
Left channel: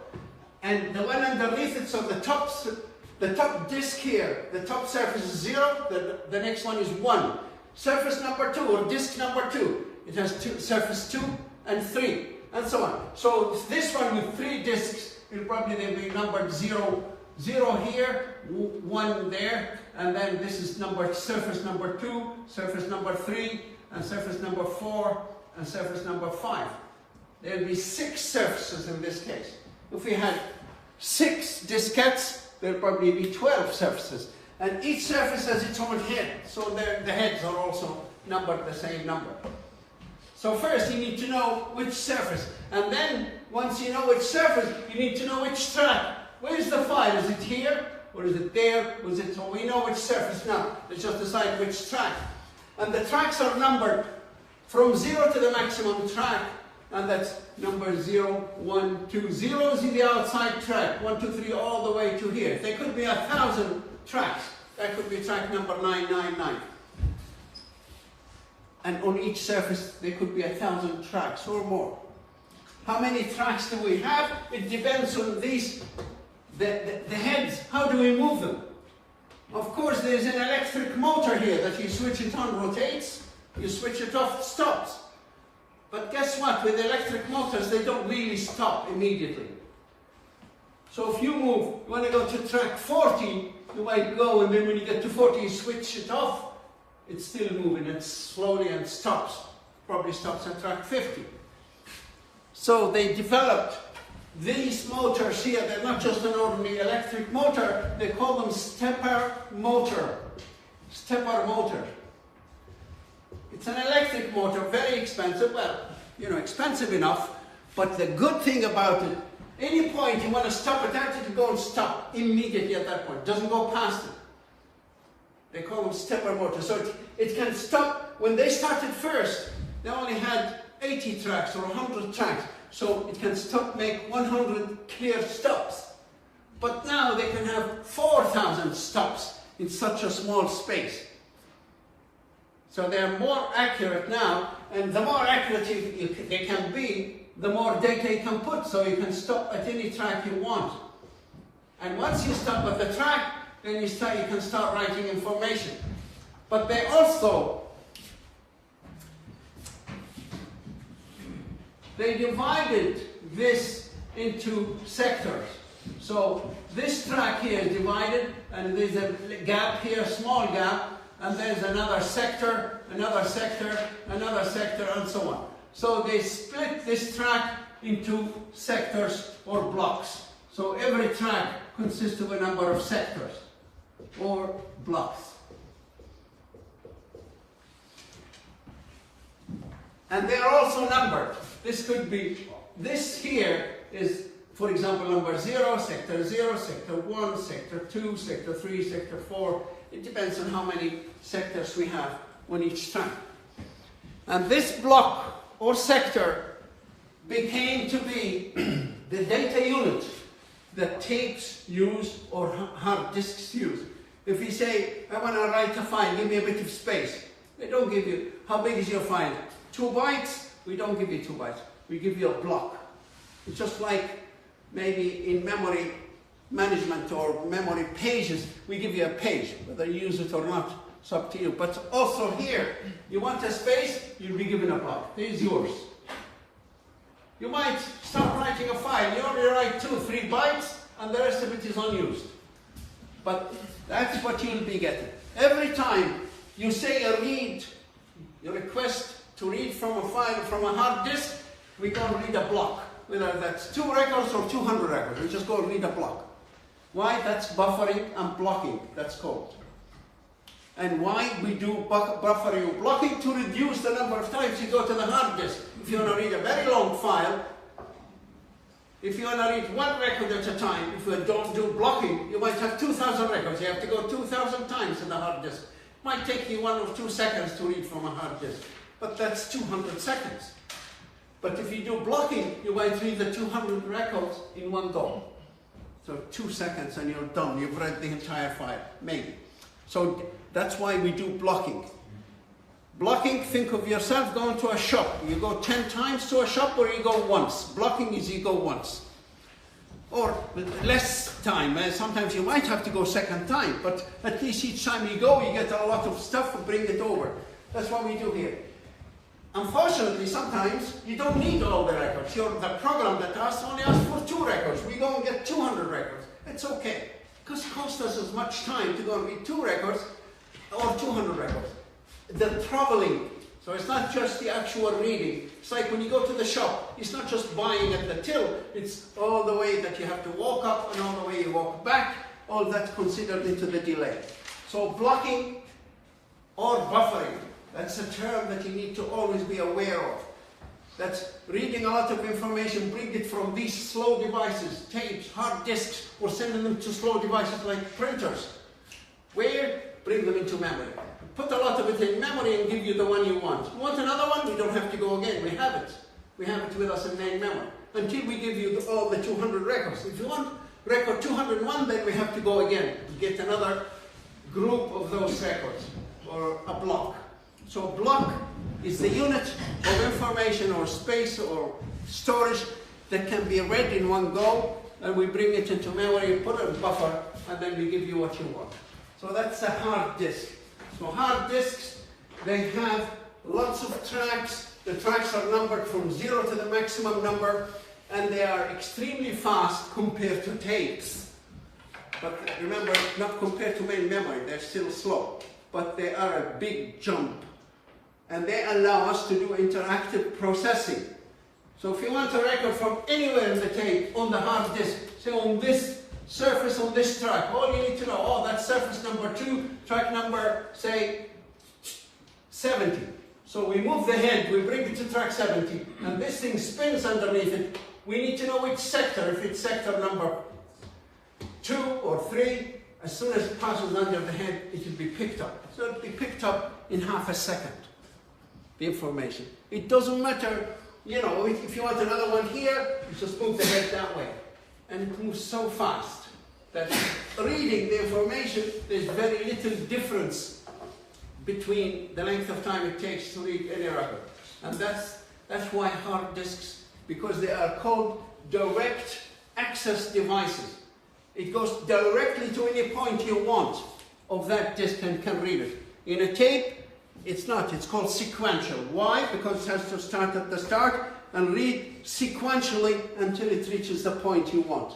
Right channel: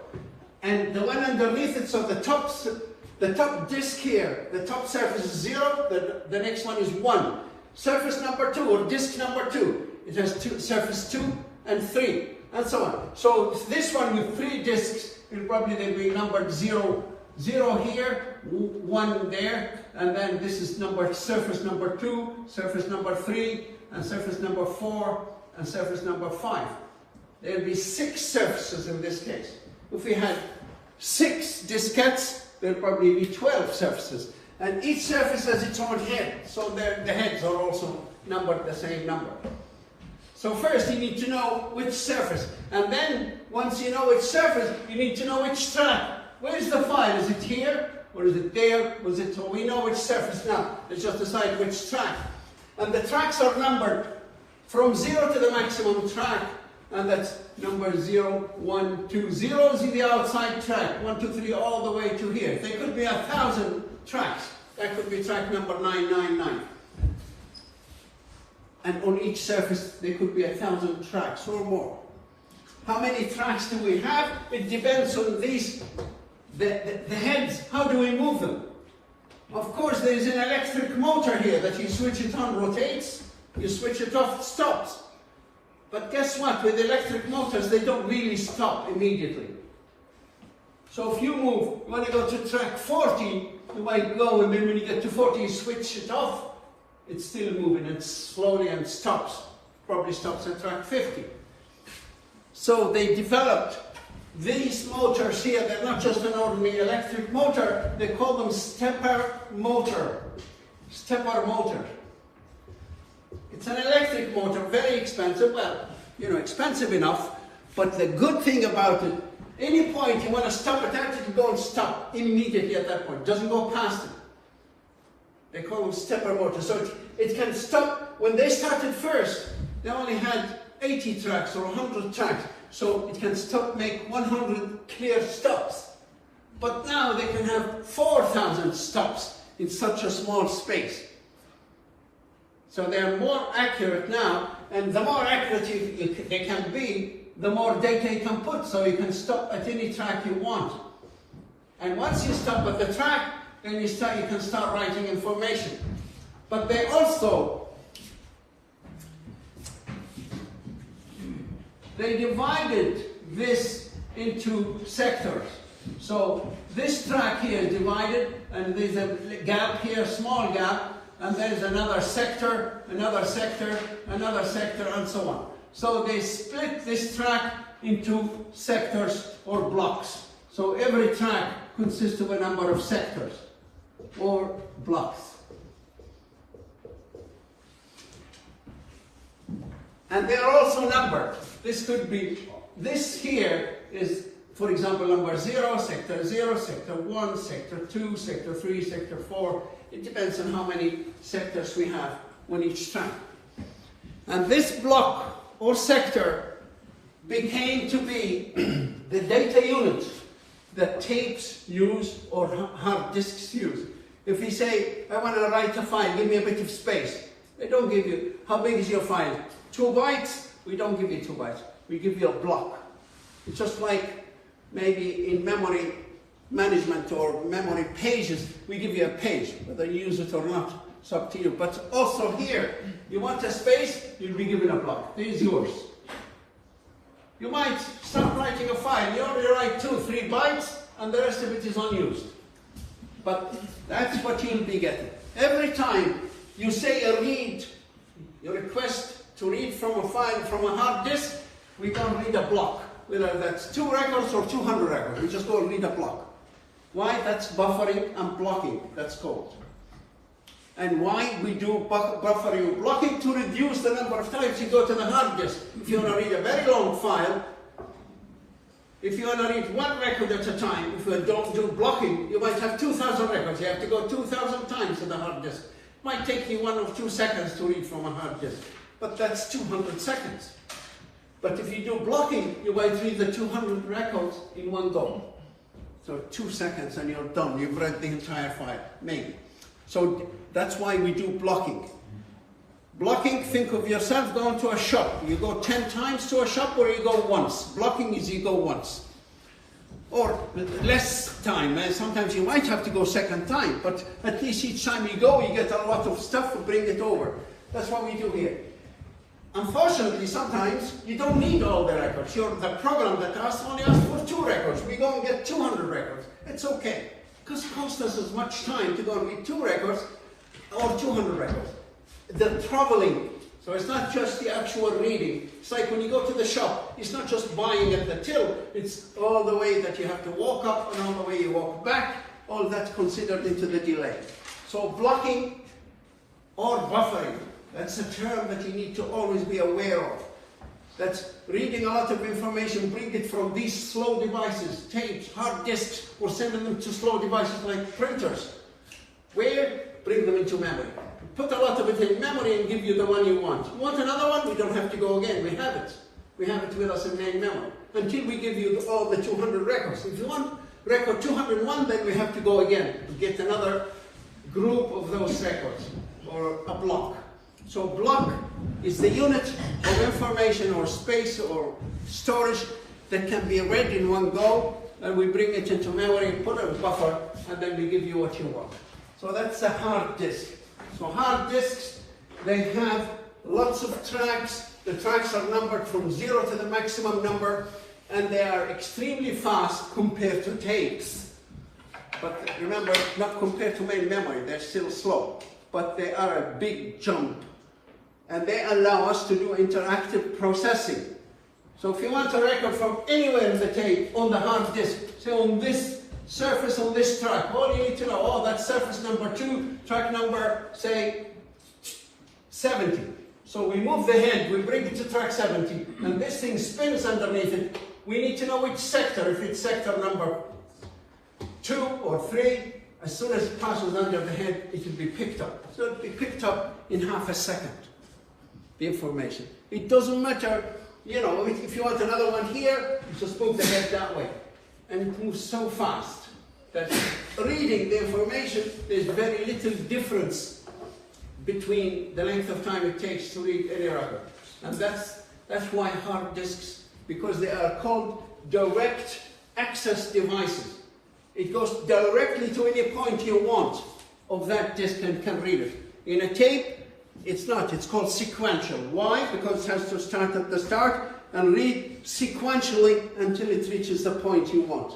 And the one underneath it, so the top disc here, the top surface is 0, the next one is 1. Surface number 2, or disc number 2, it has surface 2 and 3, and so on. So this one with 3 discs, it'll probably be numbered 0, 0 here, 1 there, and then this is surface number 2, surface number 3, and surface number 4, and surface number 5. There'll be 6 surfaces in this case. If we had 6 diskettes, there'll probably be 12 surfaces. And each surface has its own head, so the heads are also numbered the same number. So first you need to know which surface, and then once you know which surface, you need to know which track. Where is the file? Is it here, or is it there? So we know which surface now. Let's just decide which track. And the tracks are numbered from 0 to the maximum track, and that's number 0, 1, 2. 0 is the outside track, 1, 2, 3, all the way to here. There could be 1,000 tracks. That could be track number 999. And on each surface, there could be 1,000 tracks or more. How many tracks do we have? It depends on these, the heads. How do we move them? Of course, there's an electric motor here that you switch it on, rotates. You switch it off, it stops. But guess what? With electric motors, they don't really stop immediately. So if you move, you want to go to track 40, you might go, and then when you get to 40, you switch it off. It's still moving, it's slowly and stops. Probably stops at track 50. So they developed these motors here. They're not just an ordinary electric motor. They call them stepper motor. Stepper motor. It's an electric motor, very expensive. Well, expensive enough. But the good thing about it, any point you want to stop it at, you can go and stop immediately at that point. It doesn't go past it. They call them stepper motors. So it can stop. When they started first, they only had 80 tracks or 100 tracks. So it can stop, make 100 clear stops. But now they can have 4,000 stops in such a small space. So they're more accurate now, and the more accurate they can be, the more data you can put, so you can stop at any track you want. And once you stop at the track, then you can start writing information. But they also, they divided this into sectors. So this track here is divided, and there's a gap here, small gap, and there's another sector, another sector, another sector, and so on. So they split this track into sectors or blocks. So every track consists of a number of sectors or blocks. And they are also numbered. This could be, this here is, for example, number 0, sector 1, sector 2, sector 3, sector 4. It depends on how many sectors we have on each track. And this block or sector became to be the data unit that tapes use or hard disks use. If you say, I want to write a file, give me a bit of space. They don't give you, how big is your file? 2 bytes? We don't give you 2 bytes. We give you a block. It's just like maybe in memory management or memory pages, we give you a page. Whether you use it or not, it's up to you. But also here, you want a space, you'll be given a block. This is yours. You might start writing a file. You only write 2, 3 bytes, and the rest of it is unused. But that's what you'll be getting. Every time you say a read, you request to read from a file, from a hard disk, we go and read a block. Whether that's 2 records or 200 records, we just go and read a block. Why? That's buffering and blocking, that's called. And why we do buffering and blocking? To reduce the number of times you go to the hard disk. If you want to read a very long file, if you want to read 1 record at a time, if you don't do blocking, you might have 2,000 records. You have to go 2,000 times to the hard disk. It might take you 1 or 2 seconds to read from a hard disk, but that's 200 seconds. But if you do blocking, you might read the 200 records in one go. So 2 seconds and you're done. You've read the entire file, maybe. So that's why we do blocking. Blocking, think of yourself going to a shop. You go 10 times to a shop or you go once. Blocking is you go once. Or less time. Sometimes you might have to go second time, but at least each time you go, you get a lot of stuff to bring it over. That's what we do here. Unfortunately, sometimes you don't need all the records. The program that only asks for 2 records. We go and get 200 records. It's okay, because it costs us as much time to go and read 2 records or 200 records. The traveling, so it's not just the actual reading. It's like when you go to the shop, it's not just buying at the till, it's all the way that you have to walk up and all the way you walk back, all that's considered into the delay. So blocking or buffering, that's a term that you need to always be aware of. That's reading a lot of information, bring it from these slow devices, tapes, hard disks, or sending them to slow devices like printers. Where? Bring them into memory. Put a lot of it in memory and give you the one you want. You want another one? We don't have to go again. We have it. We have it with us in main memory. Until we give you all the 200 records. If you want record 201, then we have to go again to get another group of those records, or a block. So block is the unit of information or space or storage that can be read in one go, and we bring it into memory, put a buffer, and then we give you what you want. So that's a hard disk. So hard disks, they have lots of tracks. The tracks are numbered from 0 to the maximum number, and they are extremely fast compared to tapes. But remember, not compared to main memory, they're still slow. But they are a big jump. And they allow us to do interactive processing. So if you want a record from anywhere in the tape, on the hard disk, say on this surface, on this track, all you need to know, oh, that's surface number 2, track number, say, 70. So we move the head, we bring it to track 70, and this thing spins underneath it. We need to know which sector, if it's sector number 2 or 3, as soon as it passes under the head, it will be picked up. So it will be picked up in half a second. The information. It doesn't matter, you know, if you want another one here, you just move the head that way. And it moves so fast that reading the information, there's very little difference between the length of time it takes to read any record. And that's why hard disks, because they are called direct access devices. It goes directly to any point you want of that disk and can read it. In a tape, it's not. It's called sequential. Why? Because it has to start at the start and read sequentially until it reaches the point you want.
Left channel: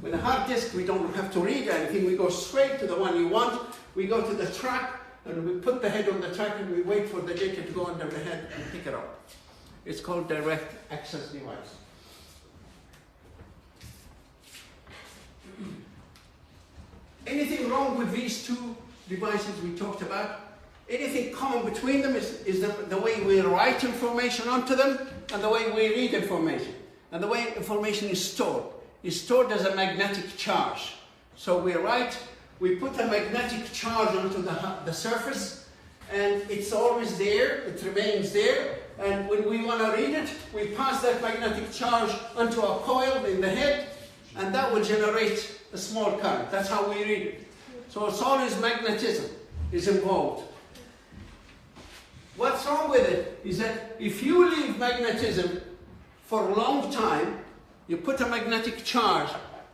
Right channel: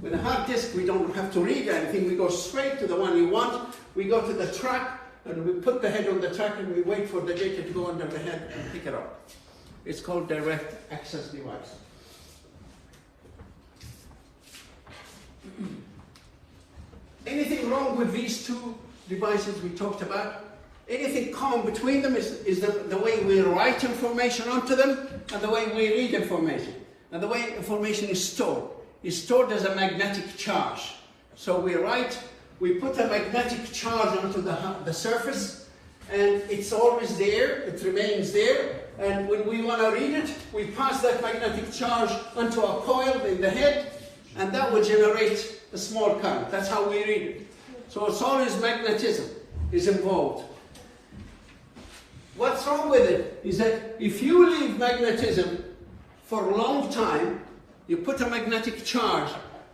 With a hard disk, we don't have to read anything. We go straight to the one you want. We go to the track, and we put the head on the track, and we wait for the data to go under the head and pick it up. It's called direct access device. Anything wrong with these two devices we talked about? Anything common between them is the way we write information onto them and the way we read information. And the way information is stored. It's stored as a magnetic charge. So we put a magnetic charge onto the surface, and it's always there, it remains there, and when we want to read it, we pass that magnetic charge onto a coil in the head, and that will generate a small current. That's how we read it. So it's always magnetism is involved. What's wrong with it is that if you leave magnetism for a long time, you put a magnetic charge,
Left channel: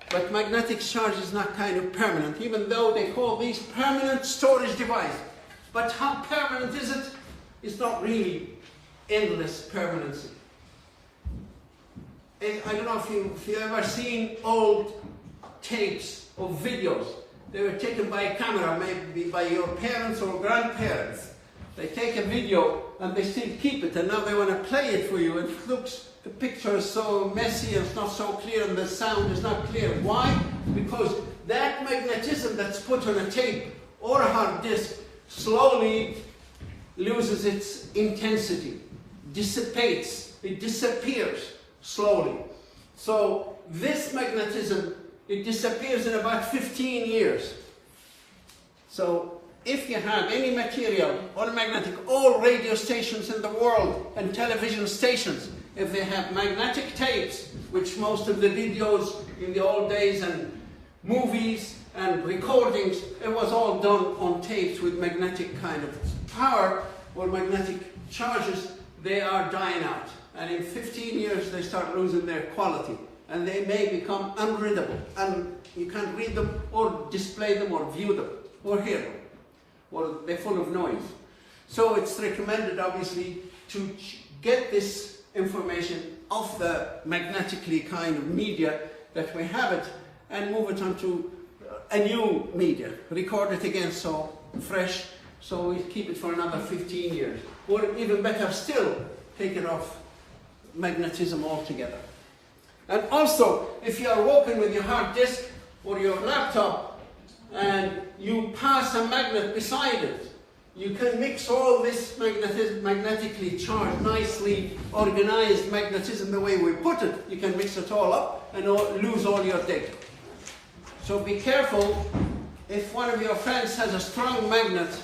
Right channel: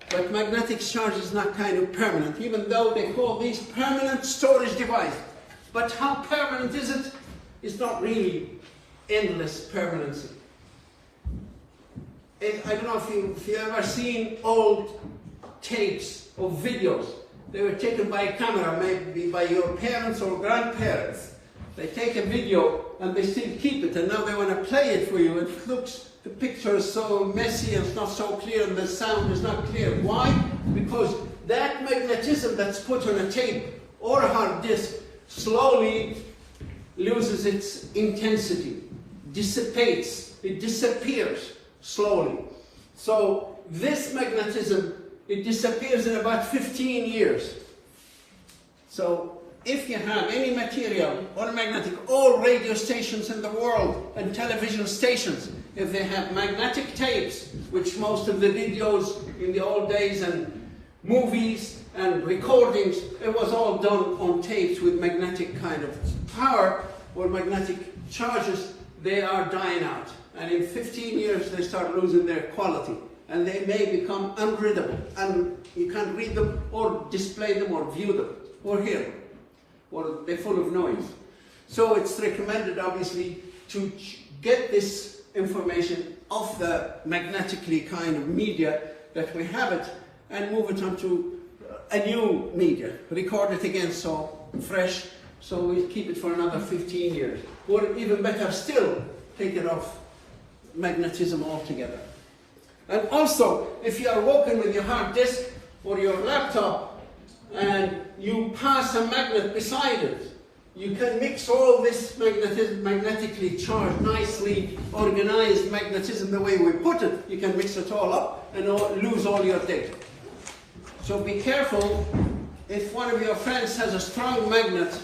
but magnetic charge is not kind of permanent, even though they call these permanent storage devices. But how permanent is it? It's not really endless permanency. I don't know if you've ever seen old tapes of videos. They were taken by a camera, maybe by your parents or grandparents. They take a video and they still keep it, and now they want to play it for you. It looks, the picture is so messy, it's not so clear, and the sound is not clear. Why? Because that magnetism that's put on a tape or a hard disk slowly loses its intensity, dissipates, it disappears slowly. So this magnetism, it disappears in about 15 years. So if you have any material, all magnetic, all radio stations in the world and television stations, if they have magnetic tapes, which most of the videos in the old days and movies and recordings, it was all done on tapes with magnetic kind of power or magnetic charges, they are dying out. And in 15 years they start losing their quality. And they may become unreadable. And you can't read them or display them or view them or hear them. Or they're full of noise. So it's recommended, obviously, to get this information off the magnetically kind of media that we have it and move it onto a new media. Record it again so fresh, so we keep it for another 15 years. Or even better still, take it off magnetism altogether. And also, if you are working with your hard disk or your laptop and you pass a magnet beside it, you can mix all this magnetically charged, nicely organized magnetism the way we put it. You can mix it all up and lose all your data. So be careful. If one of your friends has a strong magnet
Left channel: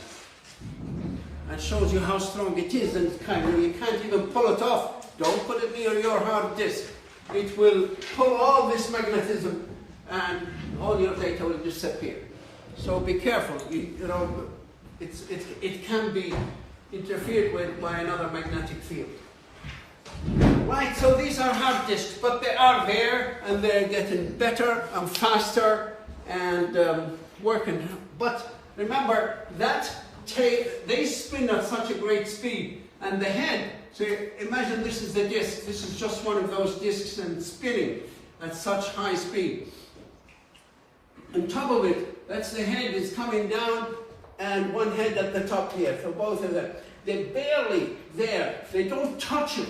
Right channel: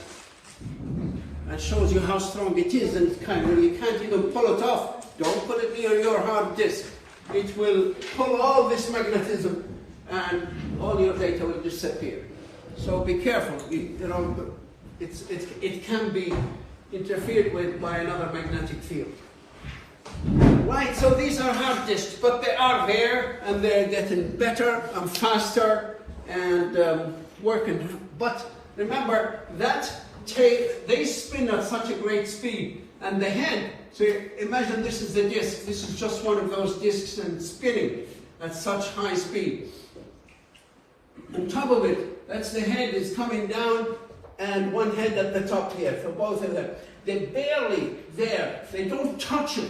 and shows you how strong it is, and you can't even pull it off, don't put it near your hard disk. It will pull all this magnetism and all your data will disappear. So be careful. It can be interfered with by another magnetic field. Right, so these are hard disks, but they are there and they're getting better and faster and working. But remember, that tape, they spin at such a great speed, and the head, so imagine this is the disk, this is just one of those disks and spinning at such high speed. On top of it, that's the head is coming down, and one head at the top here, so both of them. They're barely there, they don't touch it.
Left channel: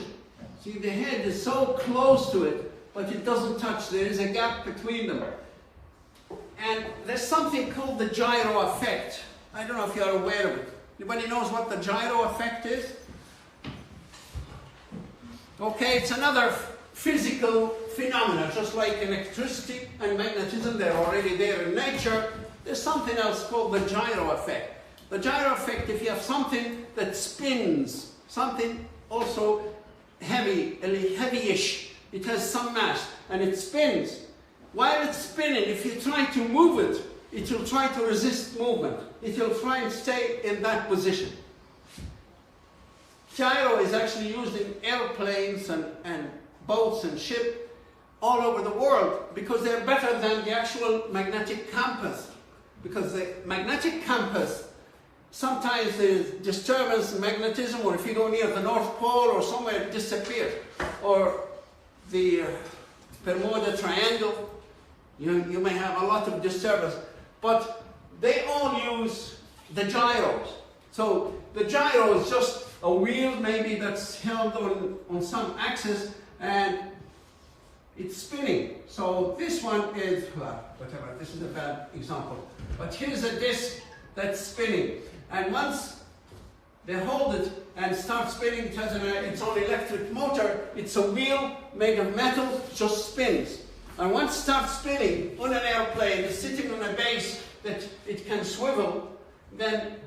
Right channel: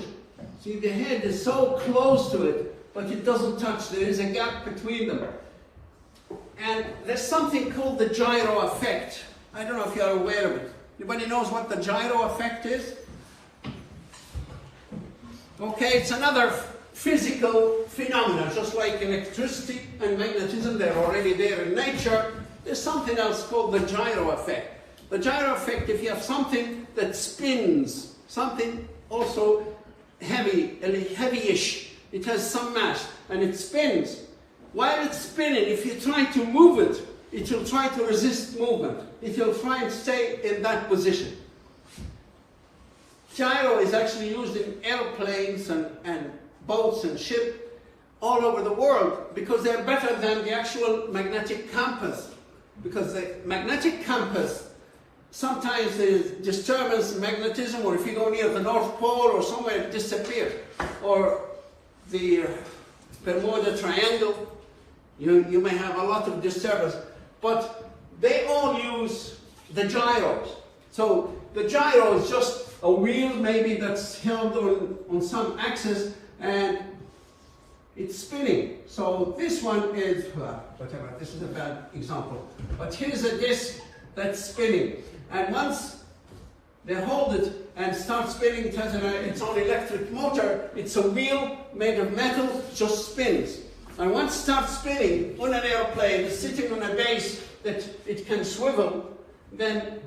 See, the head is so close to it, but it doesn't touch, there is a gap between them. And there's something called the gyro effect. I don't know if you're aware of it. Anybody knows what the gyro effect is? Okay, it's another physical phenomenon, just like electricity and magnetism, they're already there in nature. There's something else called the gyro effect. The gyro effect, if you have something that spins, something also heavy-ish, it has some mass, and it spins. While it's spinning, if you try to move it, it will try to resist movement. It will try and stay in that position. Gyro is actually used in airplanes and boats and ships all over the world because they're better than the actual magnetic compass. Because the magnetic compass, sometimes there's disturbance in magnetism, or if you go near the North Pole or somewhere, it disappears. Or the Bermuda Triangle, You may have a lot of disturbance, but they all use the gyros. So the gyro is just a wheel maybe that's held on some axis and it's spinning. So this one is, whatever, this is a bad example. But here's a disc that's spinning. And once they hold it and start spinning, it has its own electric motor. It's a wheel made of metal, just spins. And once it starts spinning on an airplane, it's sitting on a base that it can swivel, then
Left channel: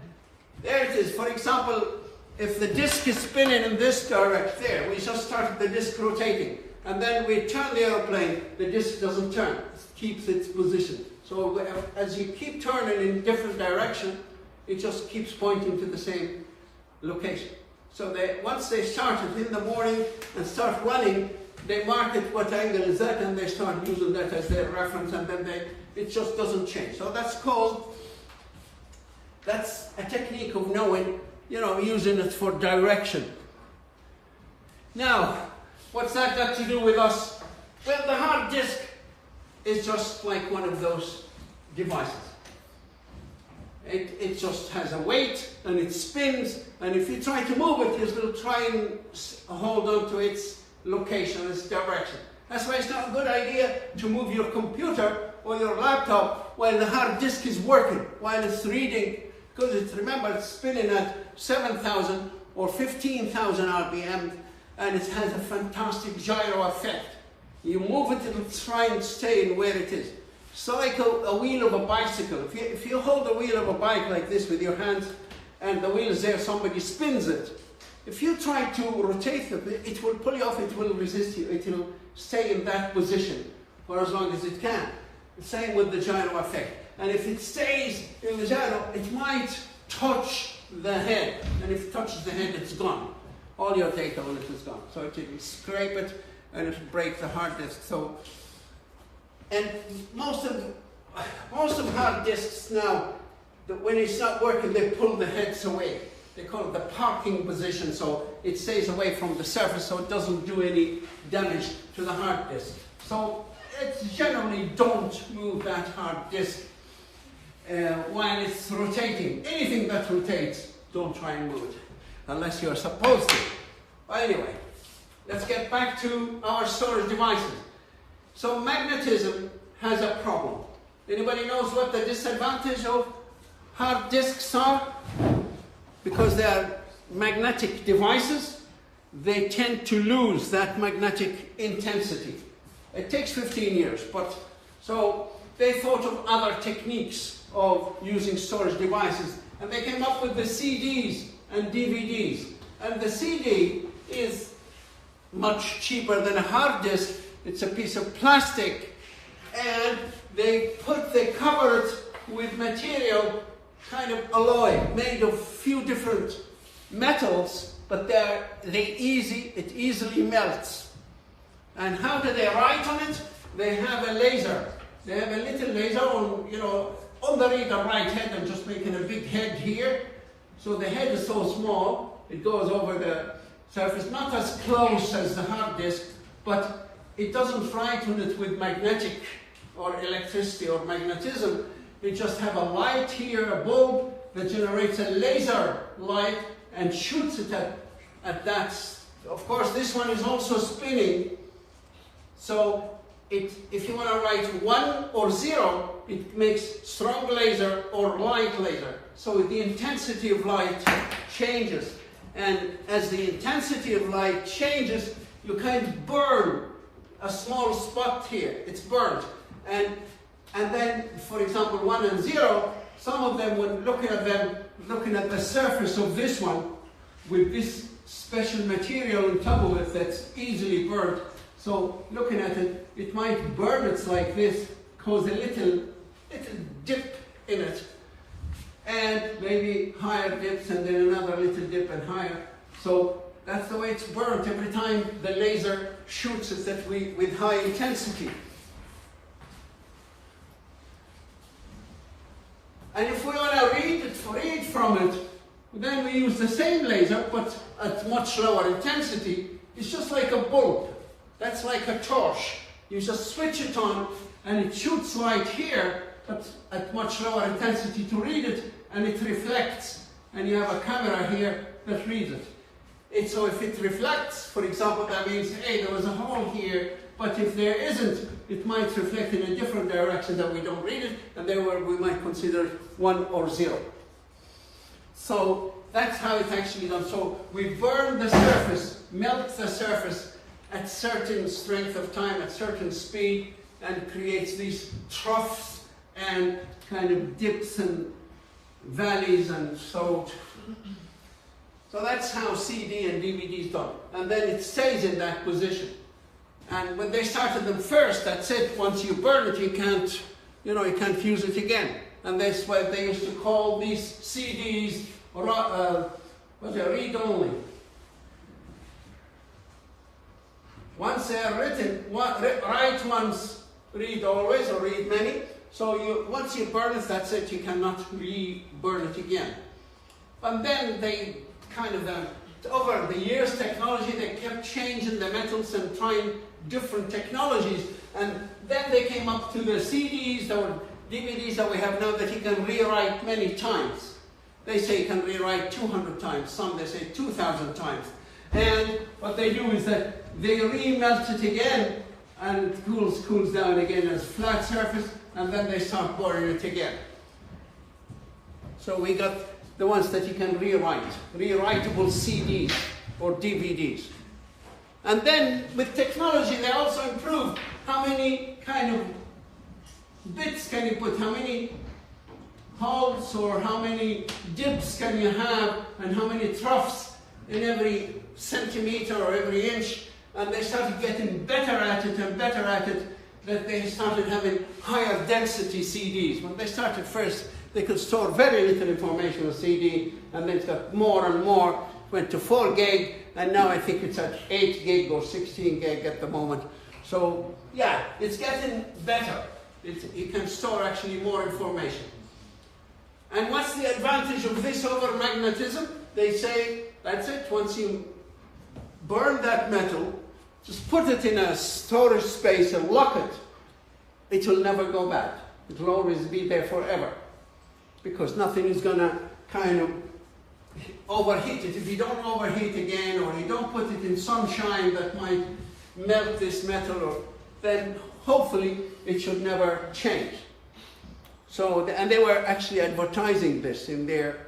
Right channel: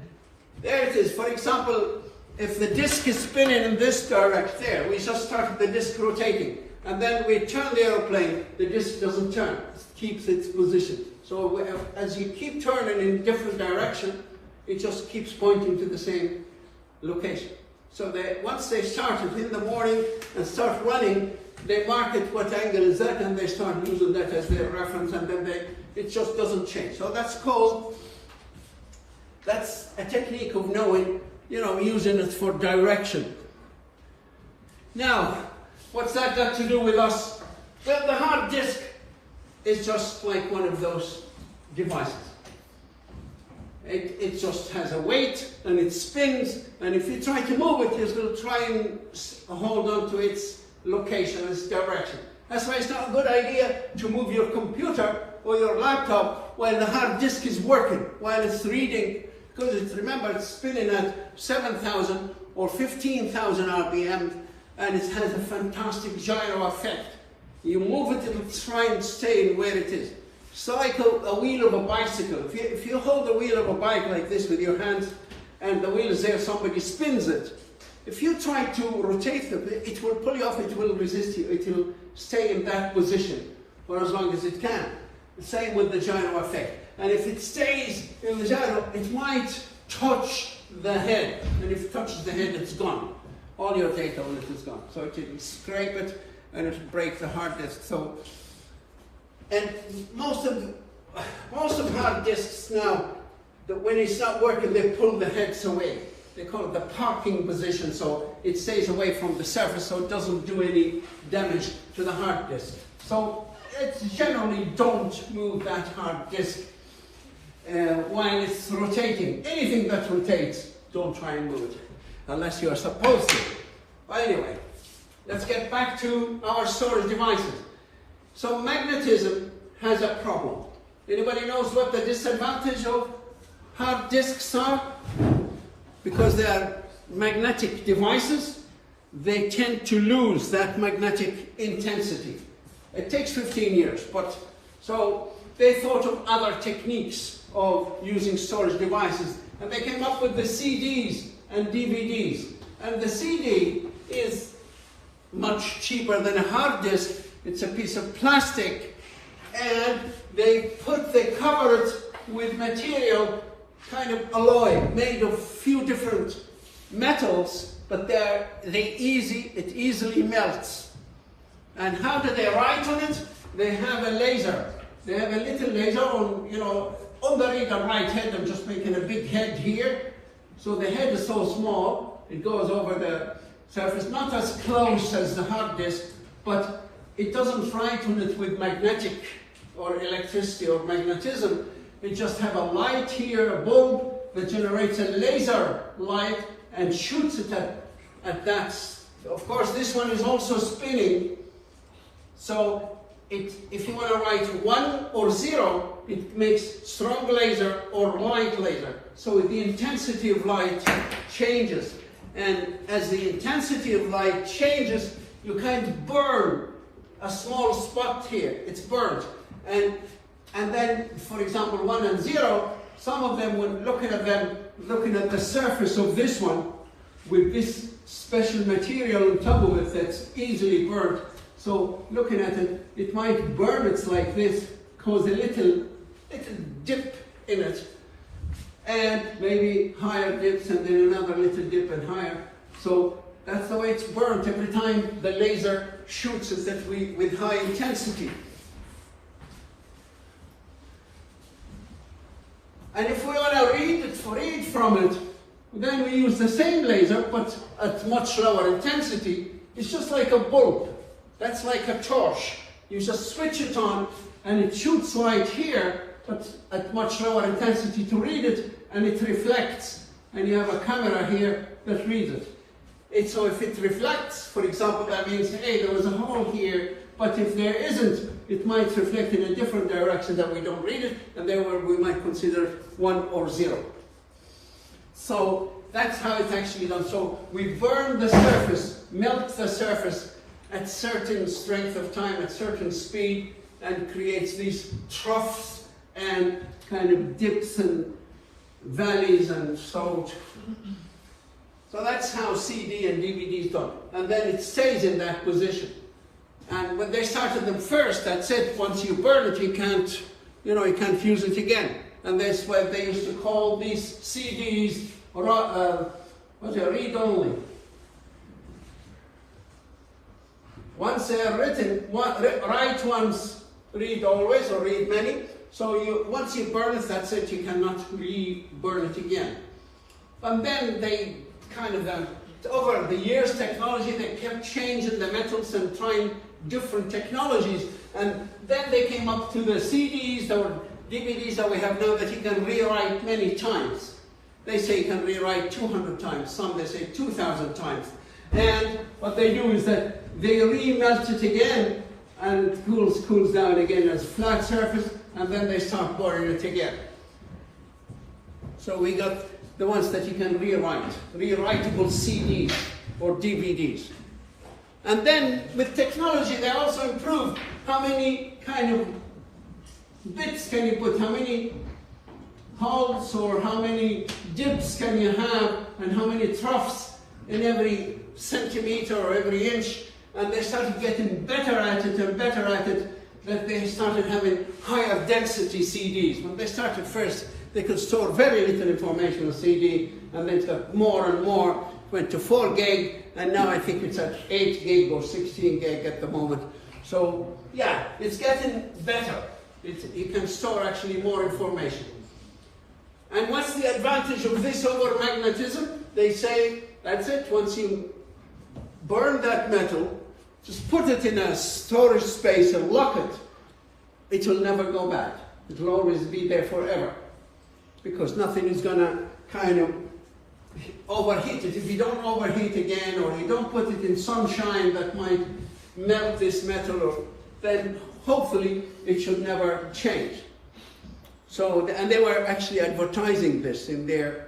there it is. For example, if the disc is spinning in this direction, there, we just started the disc rotating. And then we turn the airplane, the disc doesn't turn, it keeps its position. So as you keep turning in different direction, it just keeps pointing to the same location. So once they started in the morning and start running, they mark it what angle is that, and they start using that as their reference, and then it just doesn't change. So that's a technique of knowing, using it for direction. Now, what's that got to do with us? Well, the hard disk is just like one of those devices. It just has a weight and it spins, and if you try to move it, it will try and hold on to its location, its direction. That's why it's not a good idea to move your computer or your laptop while the hard disk is working, while it's reading, because remember, it's spinning at 7,000 or 15,000 RPM, and it has a fantastic gyro effect. You move it, it'll try and stay in where it is. So like a wheel of a bicycle. If you hold the wheel of a bike like this with your hands, and the wheel is there, somebody spins it. If you try to rotate it, it will pull you off, it will resist you, it will stay in that position for as long as it can. The same with the gyro effect. And if it stays in the gyro, it might touch the head. And if it touches the head, it's gone. All your data on it is gone. So it will scrape it and it will break the hard disk. So, and most of hard disks now, when it's not working, they pull the heads away. They call it the parking position, so it stays away from the surface, so it doesn't do any damage to the hard disk. So it's generally don't move that hard disk while it's rotating. Anything that rotates, don't try and move it, unless you are supposed to. But anyway, let's get back to our storage devices. So magnetism has a problem. Anybody knows what the disadvantage of hard disks are? Because they are magnetic devices, they tend to lose that magnetic intensity. It takes 15 years, but so they thought of other techniques of using storage devices, and they came up with the CDs and DVDs. And the CD is much cheaper than a hard disk. It's a piece of plastic, and they cover it with material, kind of alloy, made of few different metals, but it easily melts. And how do they write on it? They have a laser. They have a little laser on the reader right head. I'm just making a big head here. So the head is so small, it goes over the surface, not as close as the hard disk, but it doesn't write on it with magnetic or electricity or magnetism. We just have a light here, a bulb that generates a laser light and shoots it at that. Of course, this one is also spinning. So if you want to write 1 or 0, it makes strong laser or light laser. So the intensity of light changes. And as the intensity of light changes, you kind of burn a small spot here. It's burnt. And then, for example, 1 and 0, some of them, when looking at the surface of this one, with this special material on top of it that's easily burnt. So looking at it, it might burn it like this, cause a little dip in it, and maybe higher dips, and then another little dip and higher. So that's the way it's burnt every time the laser shoots it with high intensity. And if we want to read from it, then we use the same laser, but at much lower intensity. It's just like a bulb. That's like a torch. You just switch it on and it shoots light here, but at much lower intensity to read it, and it reflects, and you have a camera here that reads it. So if it reflects, for example, that means, hey, there was a hole here, but if there isn't, it might reflect in a different direction that we don't read it, and therefore we might consider it 1 or 0. So that's how it's actually done. So we burn the surface, melt the surface at certain strength of time, at certain speed, and creates these troughs and kind of dips and valleys, and so that's how CD and DVD is done. And then it stays in that position. And when they started them first, that's it. Once you burn it, you can't use it again. And that's why they used to call these CDs read only. Once they are written, write once, read always, or read many. So once you burn it, that's it. You cannot re-burn it again. And then they kind of over the years, technology, they kept changing the metals and trying different technologies. And then they came up to the CDs or DVDs that we have now that you can rewrite many times. They say you can rewrite 200 times, some they say 2,000 times. And what they do is that they remelt it again, and it cools down again as flat surface, and then they start burning it again. So we got the ones that you can rewrite, rewritable CDs or DVDs. And then with technology, they also improved how many kind of bits can you put, how many holes or how many dips can you have, and how many troughs in every centimeter or every inch. And they started getting better at it and better at it, that they started having higher density CDs. When they started first, they could store very little information on CD, and then it got more and more, went to 4 gig, and now I think it's at 8 gig or 16 gig at the moment. So yeah, it's getting better. You can store actually more information. And what's the advantage of this over magnetism? They say, that's it, once you burn that metal, just put it in a storage space and lock it, it will never go bad. It will always be there forever, because nothing is going to kind of overheat it. If you don't overheat again, or you don't put it in sunshine that might melt this metal, then hopefully it should never change. So, and they were actually advertising this in their,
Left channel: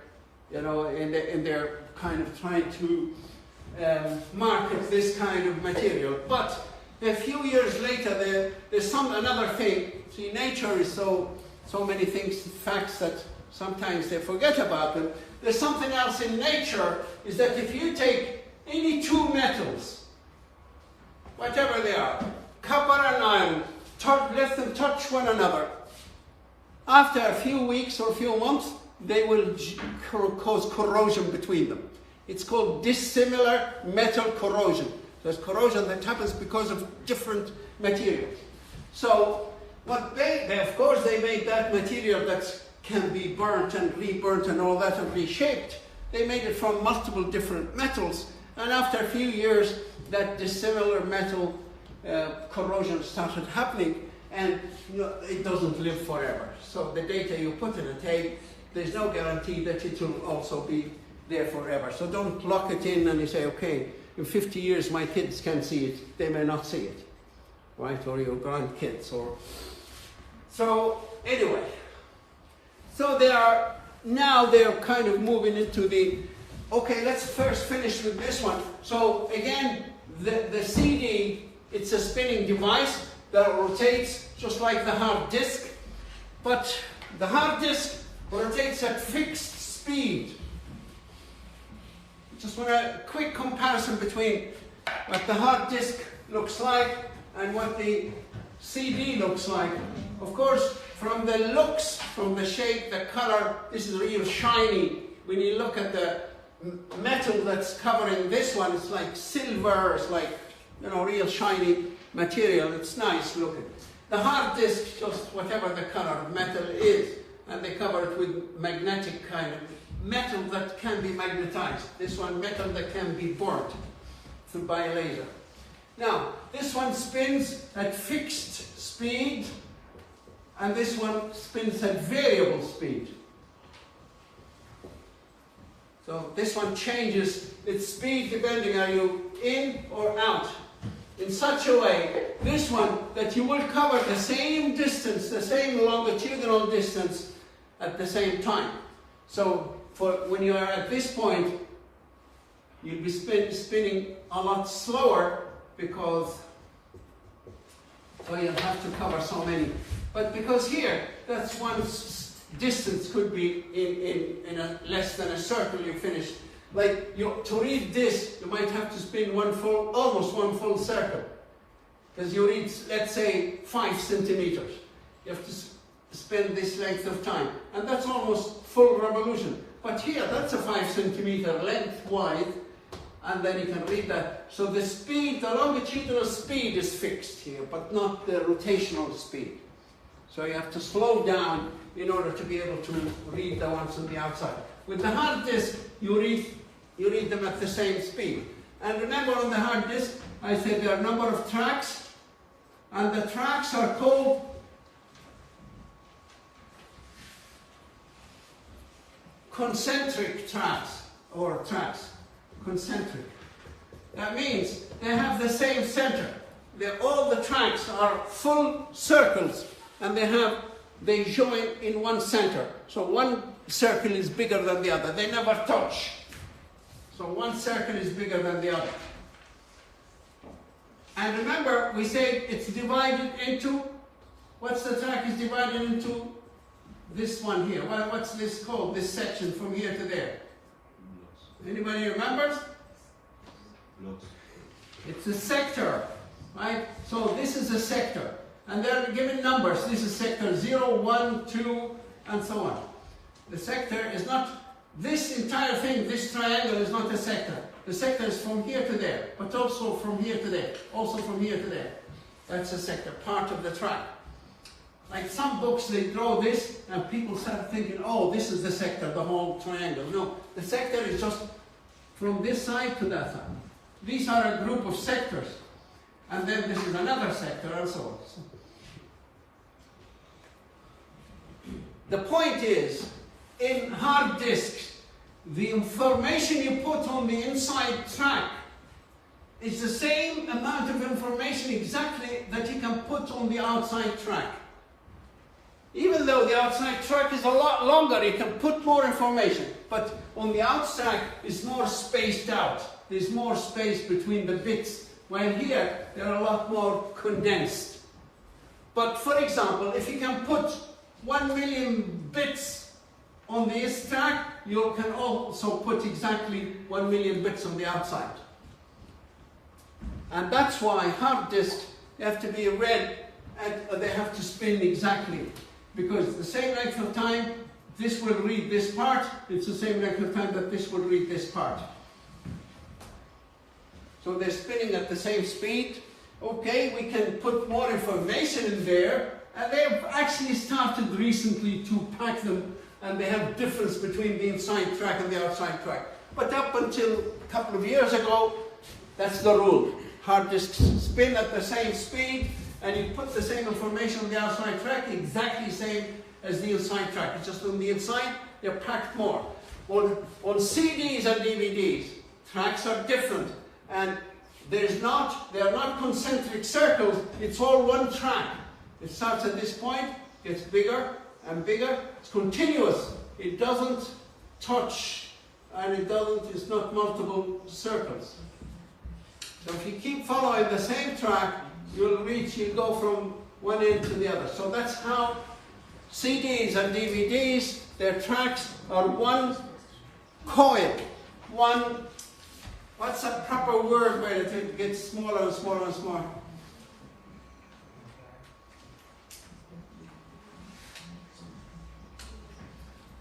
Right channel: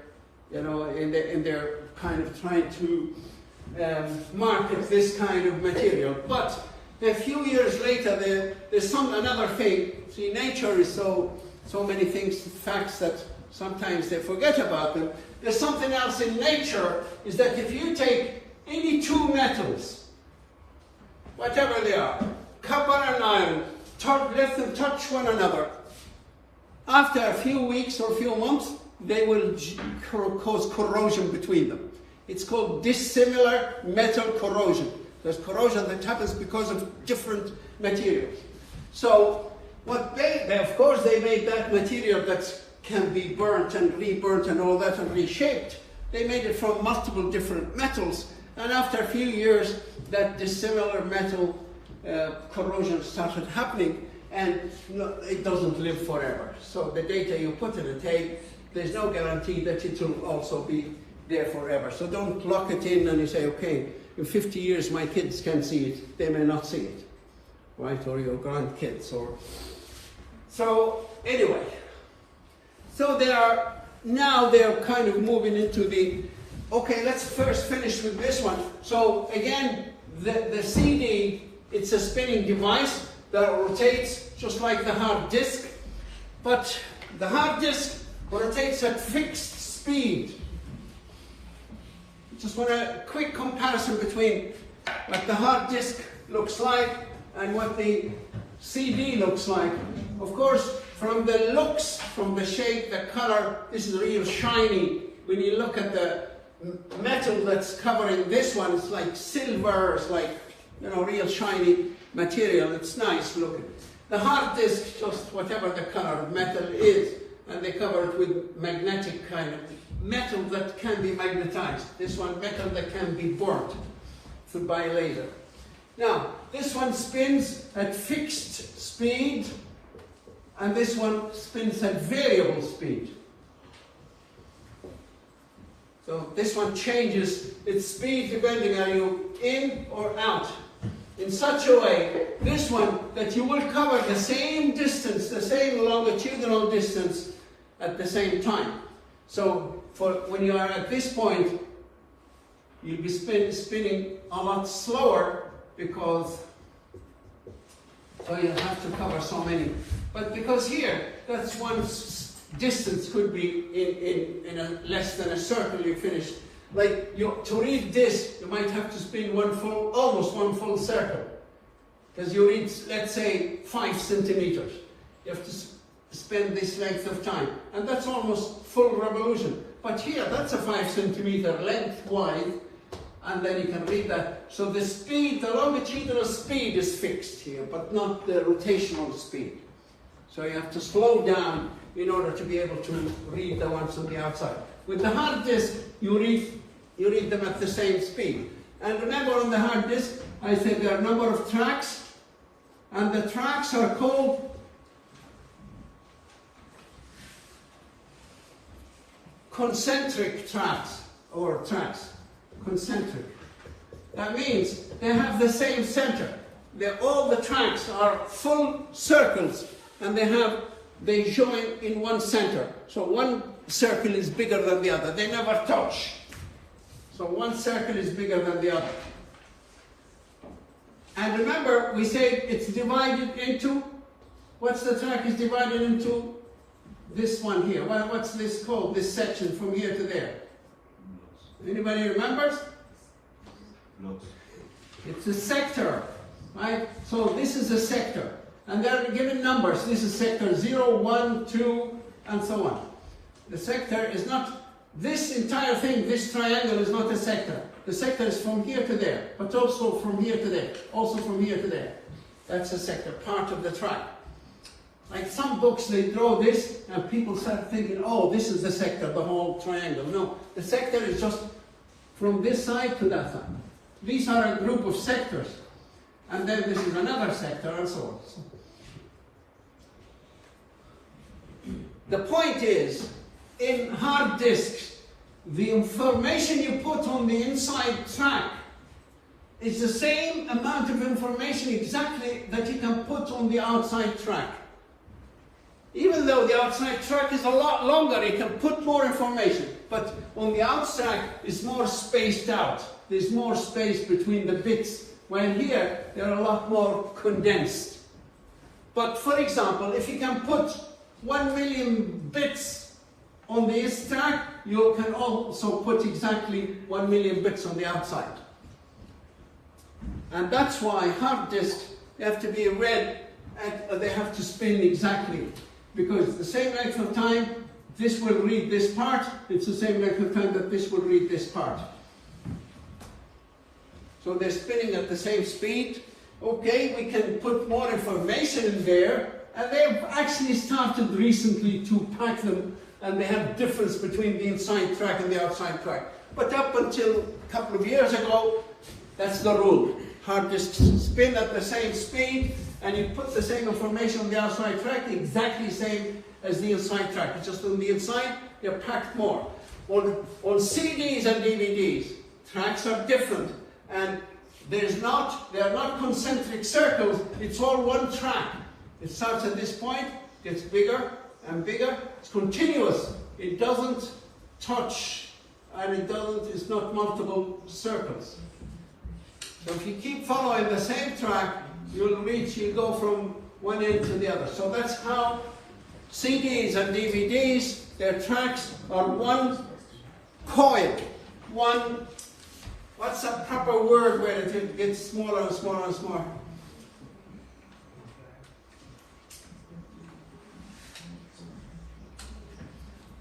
in their kind of trying to market this kind of material. But a few years later, there's another thing. See, nature is so many things, facts that sometimes they forget about them. There's something else in nature, is that if you take any two metals, whatever they are, copper and iron, let them touch one another, after a few weeks or a few months, they will cause corrosion between them. It's called dissimilar metal corrosion. There's corrosion that happens because of different materials. So what they of course, they made that material that can be burnt and reburnt and all that and reshaped. They made it from multiple different metals. And after a few years, that dissimilar metal corrosion started happening, and it doesn't live forever. So the data you put in a tape, there's no guarantee that it will also be there forever. So don't lock it in and you say, okay, in 50 years my kids can see it. They may not see it, right? Or your grandkids. So anyway, so now they're kind of moving into okay, let's first finish with this one. So again, the CD, it's a spinning device that rotates just like the hard disk, but the hard disk rotates at fixed speed. Just want a quick comparison between what the hard disk looks like and what the CD looks like. Of course, from the looks, from the shape, the color, this is real shiny. When you look at the metal that's covering this one, it's like silver, it's like, real shiny material. It's nice looking. The hard disk, just whatever the color of metal is, and they cover it with magnetic kind of metal that can be magnetized. This one, metal that can be burnt by a laser. Now, this one spins at fixed speed, and this one spins at variable speed. So this one changes its speed depending on you in or out. In such a way, this one, that you will cover the same distance, the same longitudinal distance at the same time. So when you are at this point, you'll be spinning a lot slower because, well, you'll have to cover so many. But because here, that's one distance could be in a less than a circle you finish. Like, to read this, you might have to spin almost one full circle. Because you read, let's say, 5 centimeters. You have to spend this length of time. And that's almost full revolution. But here, that's a 5 centimeter length wide, and then you can read that. So the speed, the longitudinal speed is fixed here, but not the rotational speed. So you have to slow down in order to be able to read the ones on the outside. With the hard disk, you read them at the same speed. And remember, on the hard disk, I said there are a number of tracks, and the tracks are called concentric tracks, or tracks. Concentric. That means they have the same center. All the tracks are full circles, and they join in one center. So one circle is bigger than the other. They never touch. So one circle is bigger than the other. And remember, we said it's divided into, what's the track is divided into? This one here. What's this called, this section from here to there? Anybody remembers? It's a sector, right? So this is a sector. And they're given numbers. This is sector 0, 1, 2, and so on. The sector is not, this entire thing, this triangle is not a sector. The sector is from here to there, but also from here to there, also from here to there. That's a sector, part of the track. Like some books, they draw this, and people start thinking, oh, this is the sector, the whole triangle. No, the sector is just from this side to that side. These are a group of sectors. And then this is another sector, and so on. The point is, in hard disks, the information you put on the inside track is the same amount of information exactly that you can put on the outside track. Even though the outside track is a lot longer, you can put more information. But on the outside, it's more spaced out. There's more space between the bits. While here, they're a lot more condensed. But for example, if you can put 1 million bits on this track, you can also put exactly 1 million bits on the outside. And that's why hard disks have to be read, and they have to spin exactly. Because the same length of time, this will read this part, it's the same length of time that this will read this part. So they're spinning at the same speed. Okay, we can put more information in there, and they've actually started recently to pack them, and they have difference between the inside track and the outside track. But up until a couple of years ago, that's the rule. Hard disks spin at the same speed, and you put the same information on the outside track, exactly the same as the inside track. It's just on the inside, they're packed more. On CDs and DVDs, tracks are different. And they are not concentric circles, it's all one track. It starts at this point, gets bigger and bigger. It's continuous. It doesn't touch, and it's not multiple circles. So if you keep following the same track, you go from one end to the other. So that's how CDs and DVDs, their tracks are one coil, one. What's a proper word where it gets smaller and smaller and smaller?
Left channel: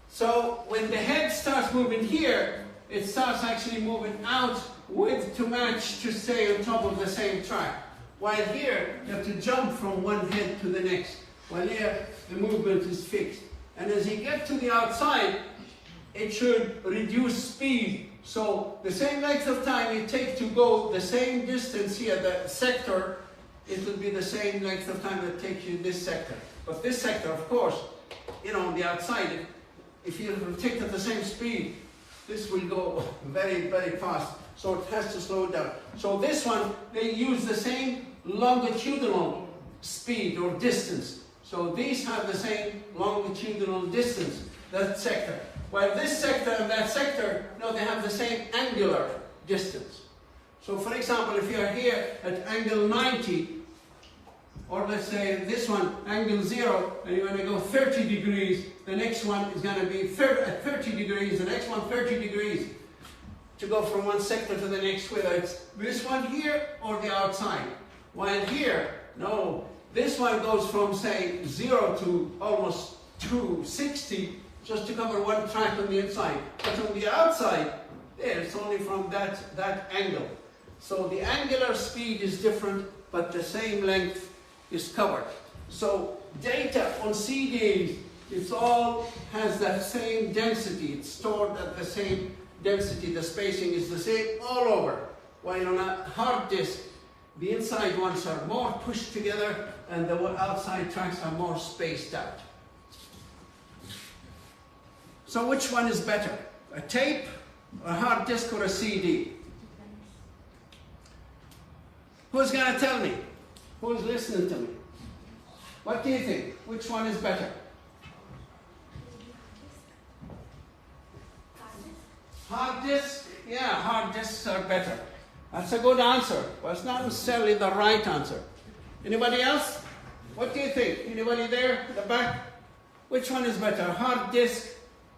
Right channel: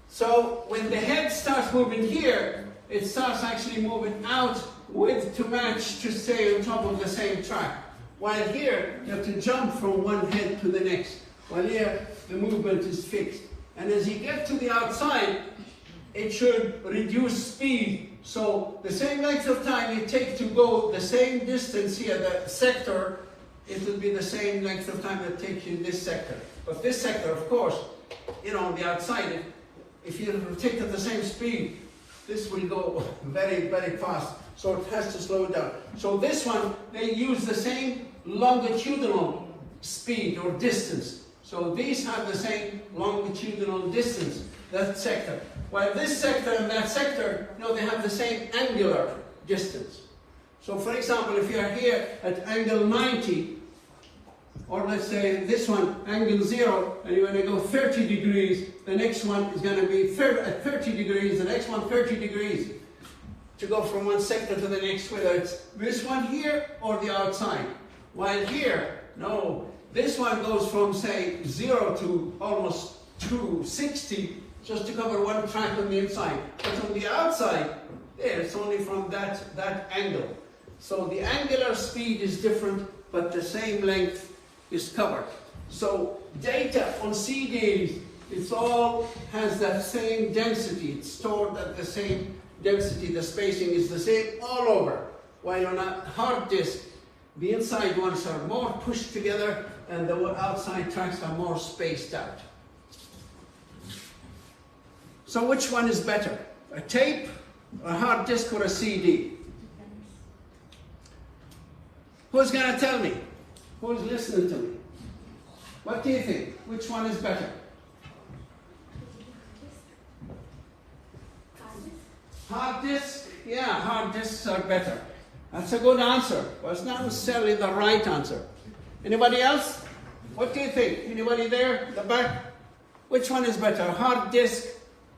So when the head starts moving here, it starts actually moving out to match to stay on top of the same track. While here, you have to jump from one head to the next. While here, the movement is fixed. And as you get to the outside, it should reduce speed So the same length of time it takes to go the same distance here, the sector, it will be the same length of time it takes you in this sector. But this sector, of course, you know, on the outside, if you take at the same speed, this will go very, very fast. So it has to slow down. So this one, they use the same longitudinal speed or distance. So these have the same longitudinal distance, that sector. While this sector and that sector, you know, they have the same angular distance. So for example, if you're here at angle 90, or let's say this one, angle 0, and you're going to go 30 degrees, the next one is going to be at 30 degrees, the next one 30 degrees, to go from one sector to the next, whether it's this one here or the outside. While here, no, this one goes from, say, 0 to almost 260, just to cover one track on the inside. But on the outside, there, it's only from that angle. So the angular speed is different, but the same length is covered. So data on CDs, it all has that same density. It's stored at the same density. The spacing is the same all over. While on a hard disk, the inside ones are more pushed together and the outside tracks are more spaced out. So which one is better? A tape, a hard disk, or a CD? Who's going to tell me? Who's listening to me? What do you think? Which one is better? Hard disk? Yeah, hard disks are better. That's a good answer, but it's not necessarily the right answer. Anybody else? What do you think? Anybody there in the back? Which one is better, a hard disk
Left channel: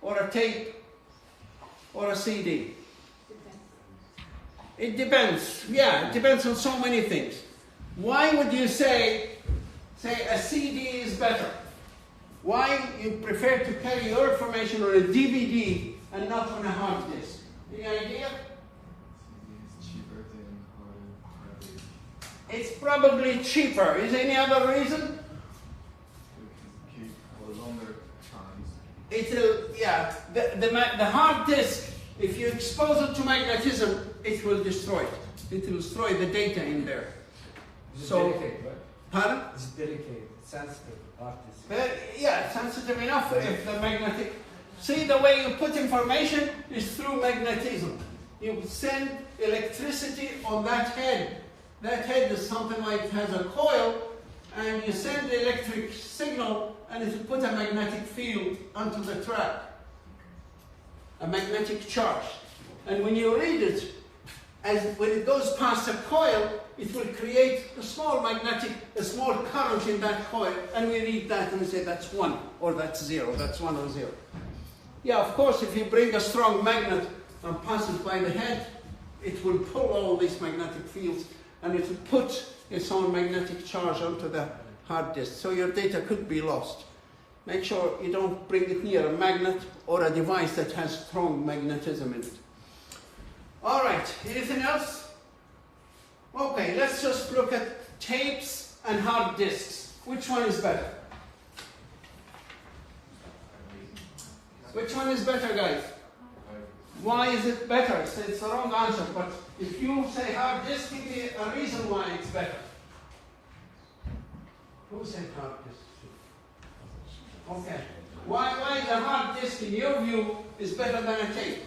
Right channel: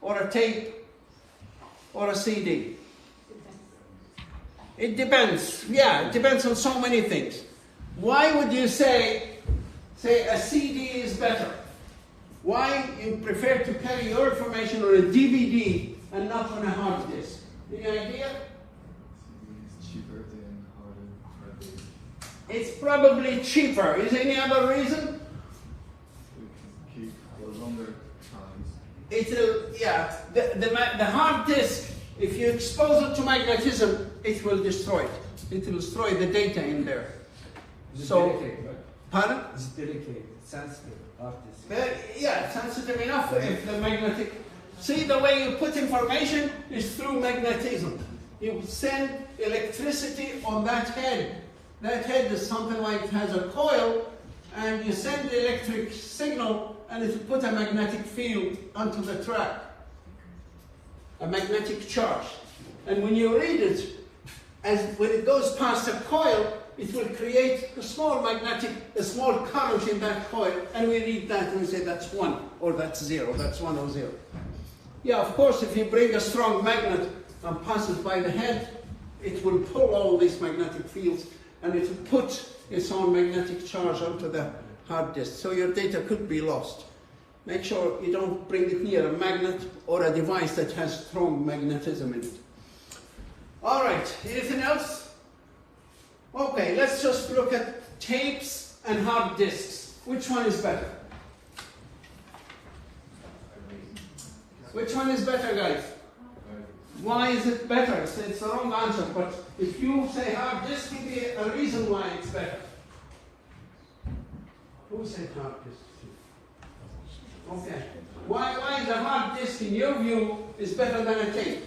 or a tape or a CD? It depends. Yeah, it depends on so many things. Why would you say a CD is better? Why you prefer to carry your information on a DVD and not on a hard disk? Any idea? Cheaper than hard disk. It's probably cheaper. Is there any other reason? We can keep for longer times. It'll, yeah, the hard disk, if you expose it to magnetism, it will destroy it. It will destroy the data in there. It's So, delicate, right? pardon? It's delicate, sensitive, artist. Well, yeah, sensitive enough if the magnetic... See, the way you put information is through magnetism. You send electricity on that head. That head is something like it has a coil, and you send the electric signal, and it will put a magnetic field onto the track. A magnetic charge. And when you read it, when it goes past a coil, it will create a small current in that coil, and we read that and we say that's 1, or that's 0, that's 1 or 0. Yeah, of course, if you bring a strong magnet and pass it by the head, it will pull all these magnetic fields, and it will put its own magnetic charge onto the hard disk, so your data could be lost. Make sure you don't bring it near a magnet or a device that has strong magnetism in it. All right, anything else? Okay, let's just look at tapes and hard disks. Which one is better? Which one is better, guys? Why is it better? It's the wrong answer, but if you say hard disk, give me a reason why it's better. Who said hard disk? Okay. Why the hard disk, in your view, is better than a tape?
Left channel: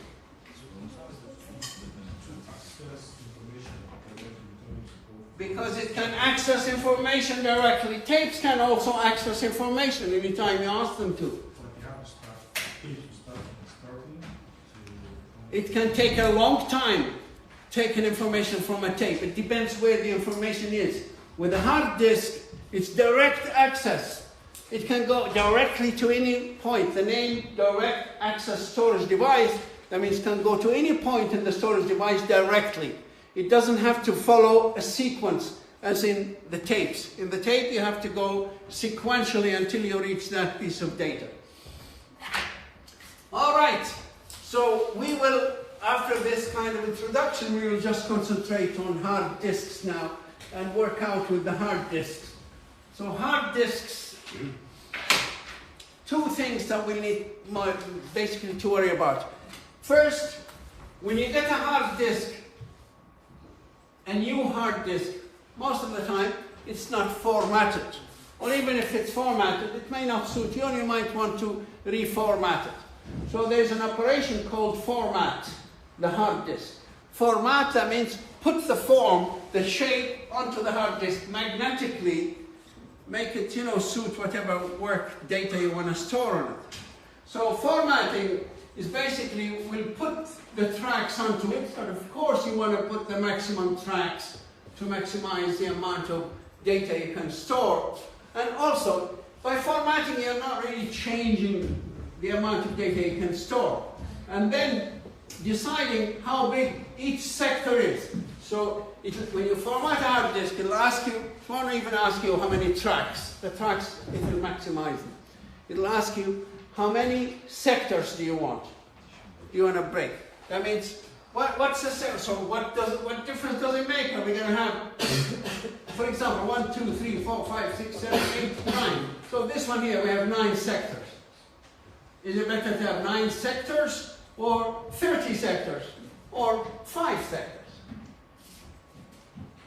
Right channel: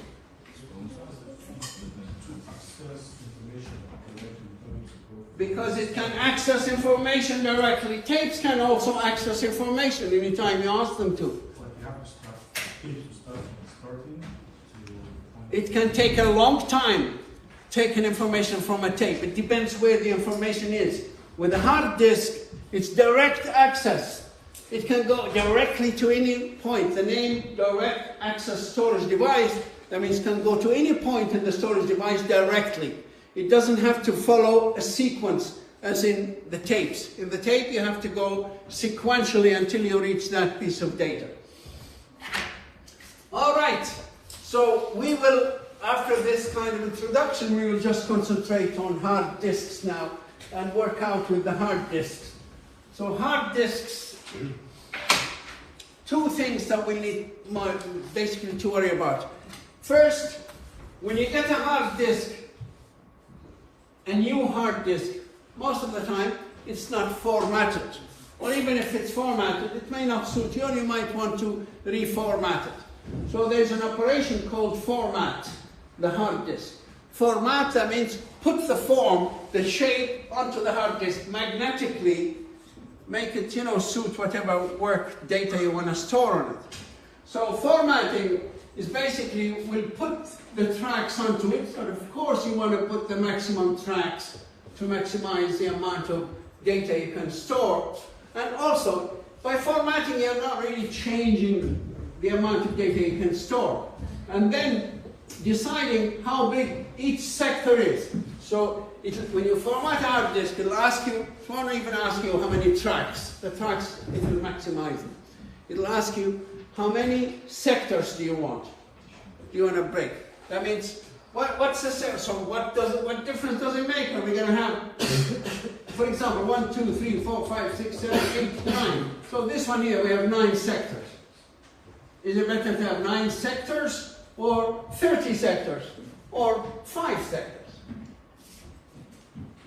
Because it can access information directly. Tapes can also access information anytime you ask them to. It can take a long time taking information from a tape. It depends where the information is. With a hard disk, it's direct access. It can go directly to any point. The name direct access storage device, that means it can go to any point in the storage device directly. It doesn't have to follow a sequence as in the tapes. In the tape, you have to go sequentially until you reach that piece of data. All right. So we will, after this kind of introduction, we will just concentrate on hard disks now and work out with the hard disks. So hard disks, two things that we need basically to worry about. First, when you get a hard disk, a new hard disk, most of the time it's not formatted. Or even if it's formatted, it may not suit you, or you might want to reformat it. So there's an operation called format, the hard disk. Format, that means put the form, the shape onto the hard disk magnetically, make it, suit whatever work data you want to store on it. So formatting is basically, we'll put the tracks onto it, but of course you want to put the maximum tracks to maximize the amount of data you can store. And also, by formatting, you're not really changing the amount of data you can store. And then deciding how big each sector is. So when you format a hard disk, it'll ask you, it won't even ask you how many tracks. The tracks, it will maximize them. It'll ask you, how many sectors do you want? Do you want to break? That means, what's the sector? So what difference does it make? Are we going to have, for example, 1, 2, 3, 4, 5, 6, 7, 8, 9. So this one here, we have 9 sectors. Is it better to have 9 sectors, or 30 sectors, or 5 sectors?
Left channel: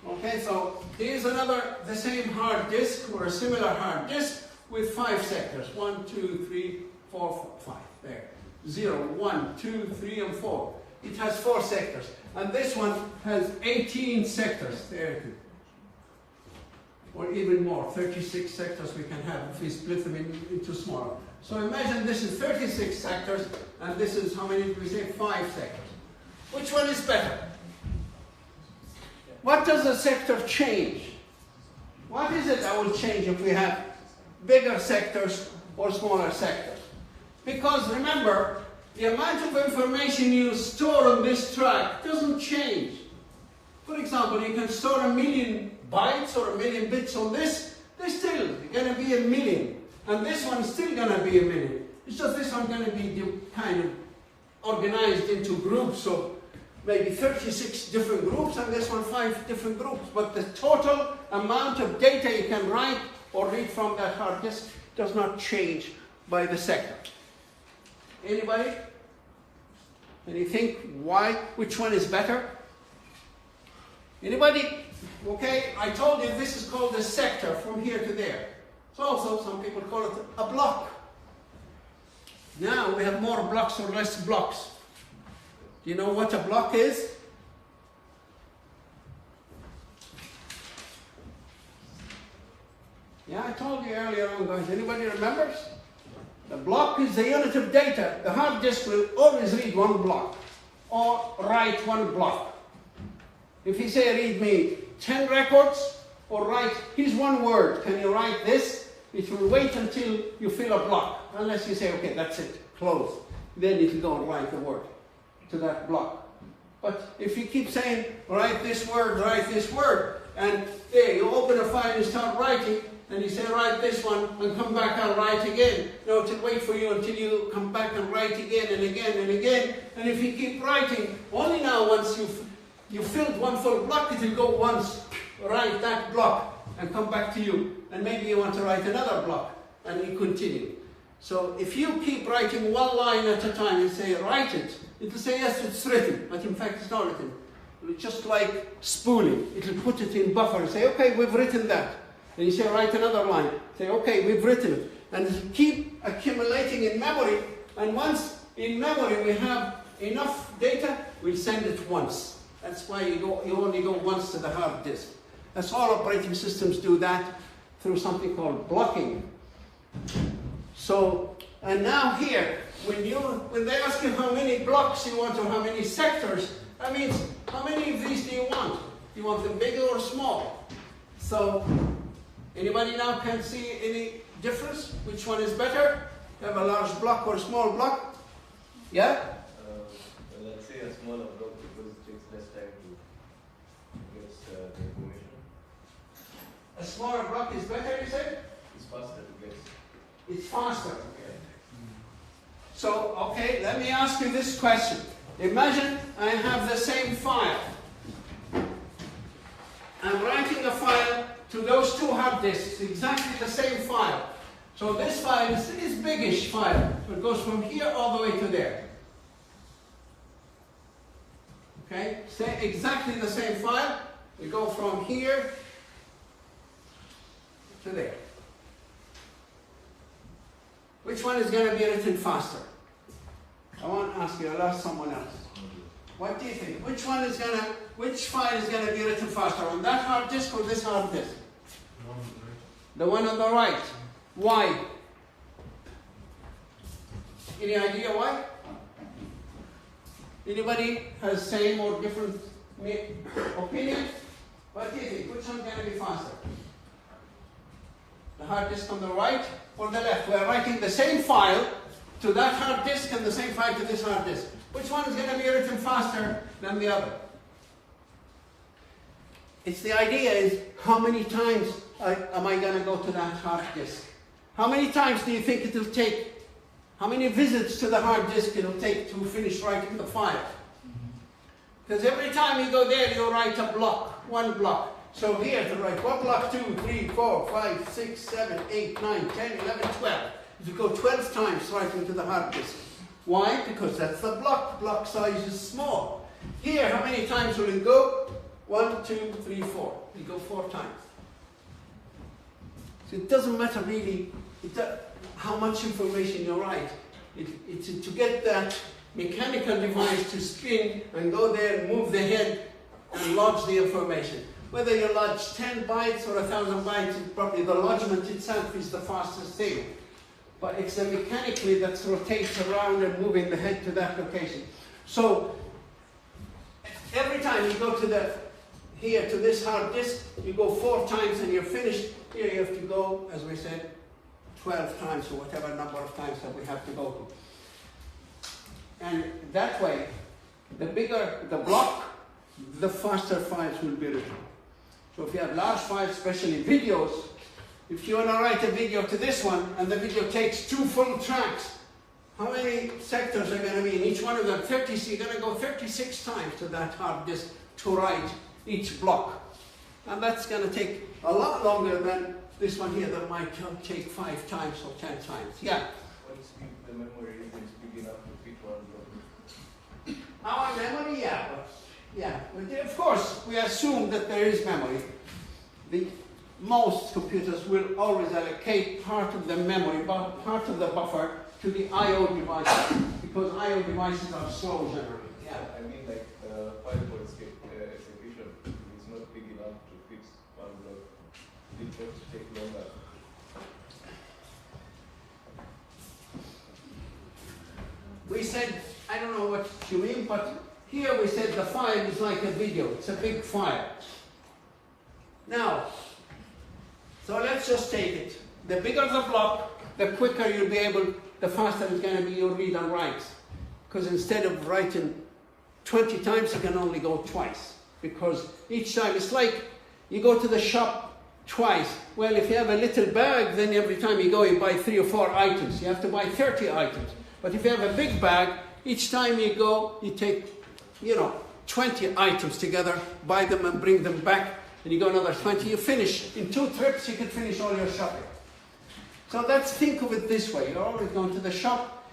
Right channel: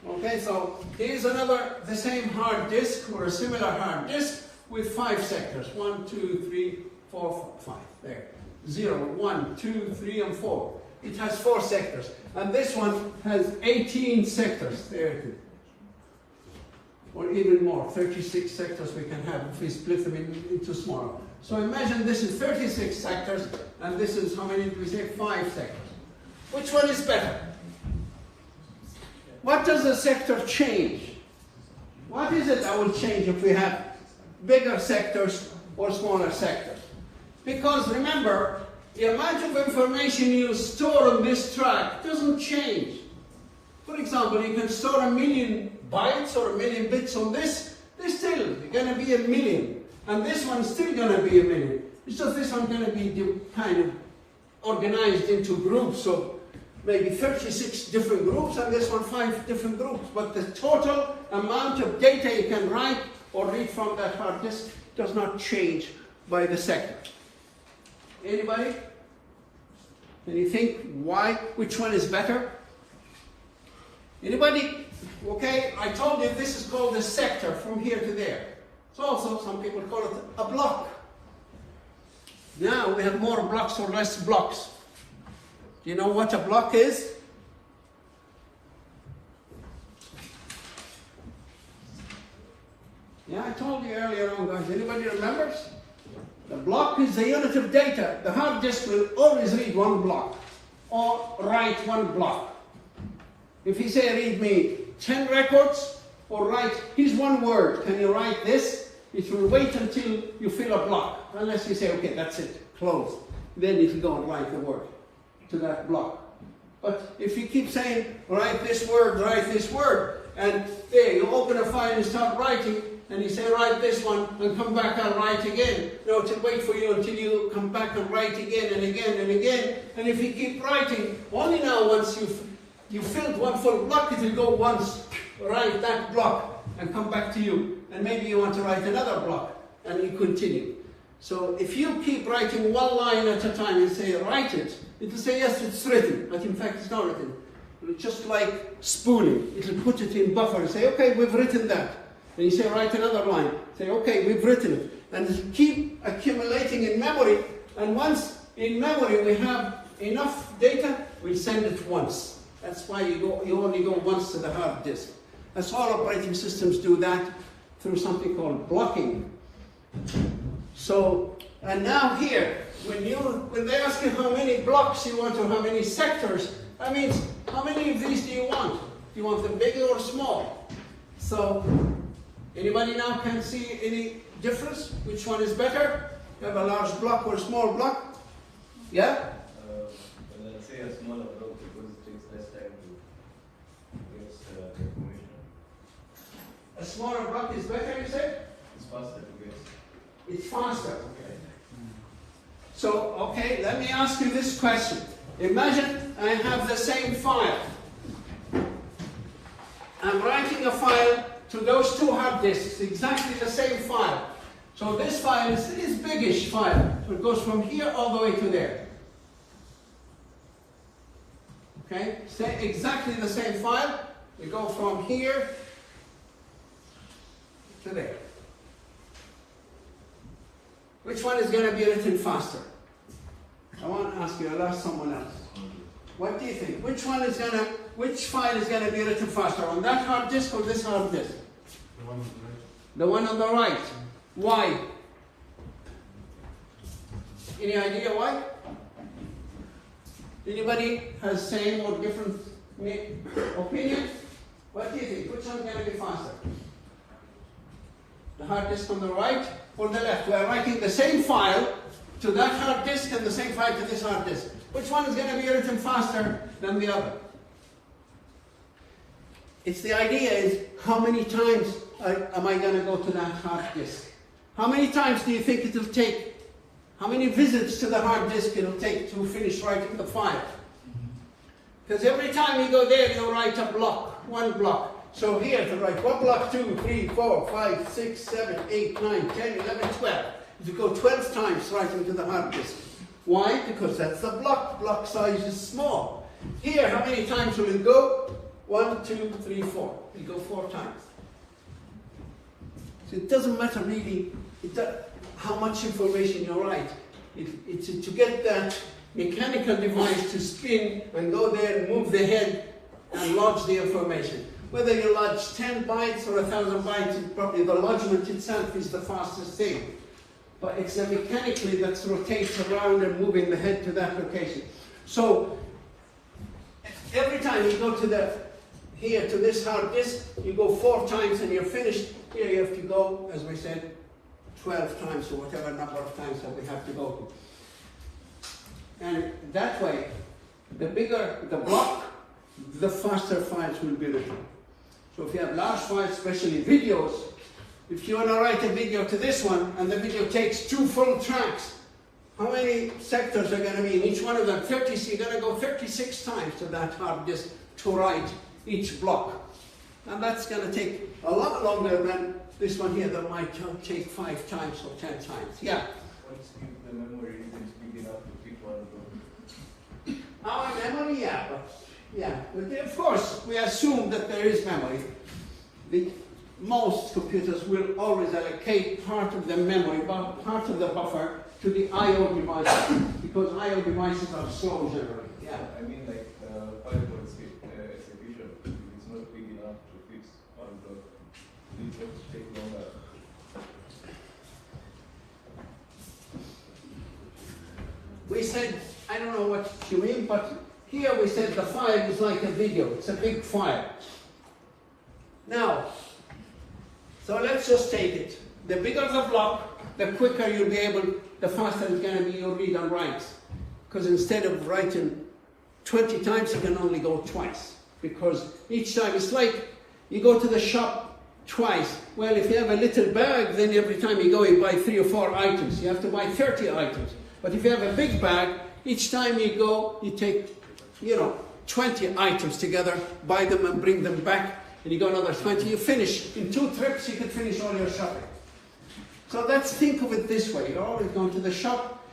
Okay, so here's the same hard disk, or a similar hard disk, with 5 sectors. 1, 2, 3, 4, 5. There. 0, 1, 2, 3, and 4. It has 4 sectors. And this one has 18 sectors. There it is. Or even more, 36 sectors we can have if we split them into smaller. So imagine this is 36 sectors, and this is, how many did we say? 5 sectors. Which one is better? What does a sector change? What is it that will change if we have bigger sectors or smaller sectors? Because remember, the amount of information you store on this track doesn't change. For example, you can store 1 million bytes or 1 million bits on this, they're still going to be 1 million. And this one's still going to be 1 million. It's just this one's going to be kind of organized into groups of maybe 36 different groups, and this one 5 different groups. But the total amount of data you can write or read from that hard disk does not change by the sector. Anybody? Can you think why? Which one is better? Anybody? Okay, I told you this is called a sector from here to there. It's also, some people call it a block. Now we have more blocks or less blocks. Do you know what a block is? Yeah, I told you earlier on, guys. Anybody remembers? The block is the unit of data. The hard disk will always read 1 block or write 1 block. If you say read me 10 records or write, here's 1 word, can you write this? It will wait until you fill a block, unless you say, okay, that's it, close. Then it will go and write the word to that block. But if you keep saying, write this word, and there, you open a file and start writing, and you say, write this one, and come back and write again. No, it will wait for you until you come back and write again and again and again. And if you keep writing, only now once you've filled 1 full block, it will go once, write that block, and come back to you. And maybe you want to write another block, and you continue. So if you keep writing 1 line at a time and say, write it, it will say, yes, it's written, but in fact it's not written. It's just like spooling. It will put it in buffer and say, okay, we've written that. And you say, write another line. Say, okay, we've written it. And it keep accumulating in memory, and once in memory we have enough data, we send it once. That's why you only go once to the hard disk. That's all operating systems do that through something called blocking. So, and now here, when they ask you how many blocks you want or how many sectors, that means how many of these do you want? Do you want them big or small? So, anybody now can see any difference? Which one is better? You have a large block or a small block? Yeah? Let's say a smaller block because it takes less time to guess the information. A smaller block is better, you said? It's faster to guess. It's faster. Okay. So, okay, let me ask you this question. Imagine I have the same file. I'm writing a file to those 2 hard disks, exactly the same file. So this file is this biggish file. So it goes from here all the way to there. Okay, exactly the same file. We go from here to there. Which one is going to be written faster? I want to ask you, I'll ask someone else. What do you think? Which file is going to be written faster? On that hard disk or this hard disk? The one on the right. Why? Any idea why? Anybody has same or different opinion? What do you think? Which one is going to be faster? The hard disk on the right or the left? We're writing the same file to that hard disk and the same file to this hard disk. Which one is going to be written faster than the other? It's the idea is how many times am I going to go to that hard disk? How many times do you think it will take? How many visits to the hard disk it will take to finish writing the file? Because every time you go there, you write a block, one block. So here to write one block, 2, 3, 4, 5, 6, 7, 8, 9, 10, 11, 12. You go 12 times writing to the hard disk. Why? Because that's the block. Block size is small. Here, how many times will it go? 1, 2, 3, 4. You go 4 times. So it doesn't matter really how much information you write. It's to get that mechanical device to spin and go there and move the head and lodge the information. Whether you lodge 10 bytes or 1,000 bytes, probably the lodgement itself is the fastest thing. But it's the mechanically that rotates around and moving the head to that location. So every time you go to here to this hard disk, you go 4 times and you're finished. Here you have to go, as we said, 12 times or whatever number of times that we have to go to. And that way, the bigger the block, the faster files will be written. So if you have large files, especially videos, if you want to write a video to this one, and the video takes 2 full tracks, how many sectors are going to be in each one of them? 30, so you're going to go 36 times to that hard disk to write each block. And that's going to take a lot longer than this one here that might take 5 times or 10 times. Yeah? Let's keep the memory regions big enough to fit one of them. Our memory, yeah. But of course, we assume that there is memory. Most computers will always allocate part of the memory, part of the buffer to the I/O devices, because I/O devices are slow generally. Yeah. I mean, like fireball execution is not big enough to fix one of the big ones take longer. We said, I don't know what you mean, but here we said the file is like a video. It's a big file. Now, so let's just take it. The bigger the block, the quicker you'll be able, the faster it's going to be your read and write. Because instead of writing 20 times, you can only go twice. Because each time, it's like you go to the shop twice. Well, if you have a little bag, then every time you go, you buy 3 or 4 items. You have to buy 30 items. But if you have a big bag, each time you go, you take, 20 items together, buy them and bring them back, and you go another 20, you finish. In 2 trips, you can finish all your shopping. So let's think of it this way. You're always going to the shop,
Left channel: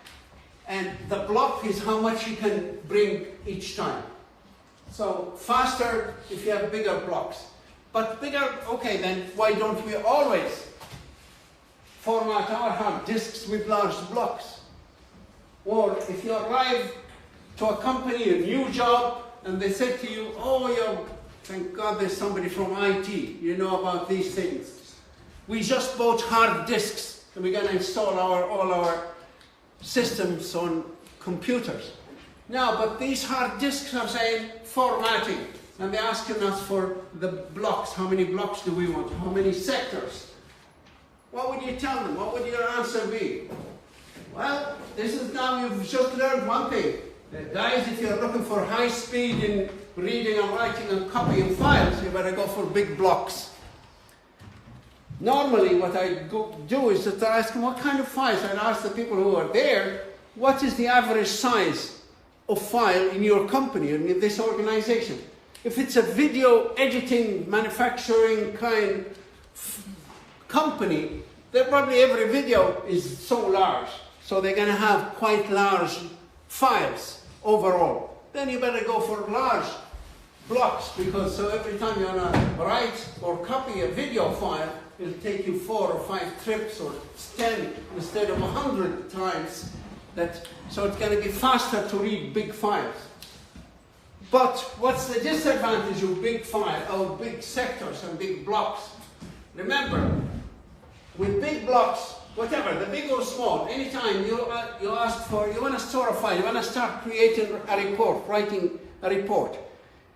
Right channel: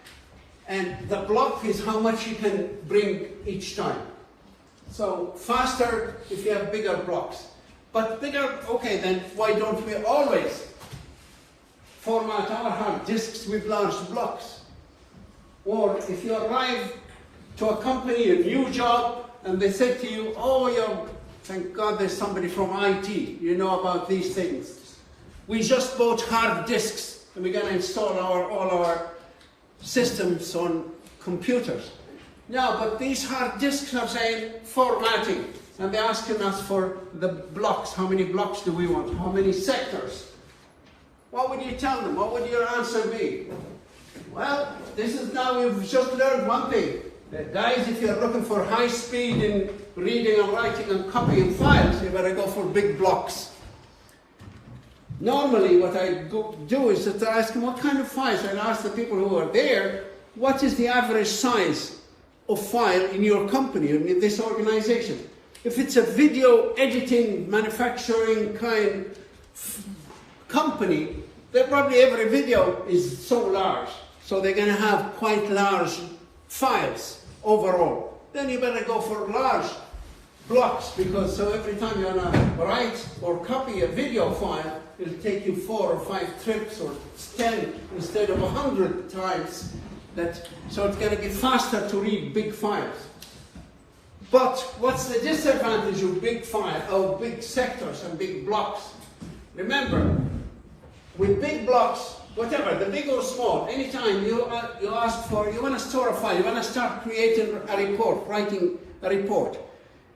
and the block is how much you can bring each time. So faster if you have bigger blocks. But bigger, okay, then why don't we always format our hard disks with large blocks? Or if you arrive to a company, a new job, and they said to you, oh, thank God there's somebody from IT, you know about these things. We just bought hard disks, and we're going to install all our systems on computers. Now, but these hard disks are saying formatting, and they're asking us for the blocks. How many blocks do we want? How many sectors? What would you tell them? What would your answer be? Well, we've just learned one thing. Guys, if you're looking for high speed in reading and writing and copying files, you better go for big blocks. Normally, what I do is to ask them what kind of files, and ask the people who are there, what is the average size of file in your company, in this organization? If it's a video editing, manufacturing kind company, then probably every video is so large. So they're going to have quite large files overall. then you better go for large blocks, because so every time you want to write or copy a video file, it'll take you 4 or 5 trips or 10 instead of 100 times. So it's going to be faster to read big files. But what's the disadvantage of big big sectors and big blocks? Remember, with big blocks, whatever, the big or small, anytime you want to store a file, you want to start creating a report, writing a report,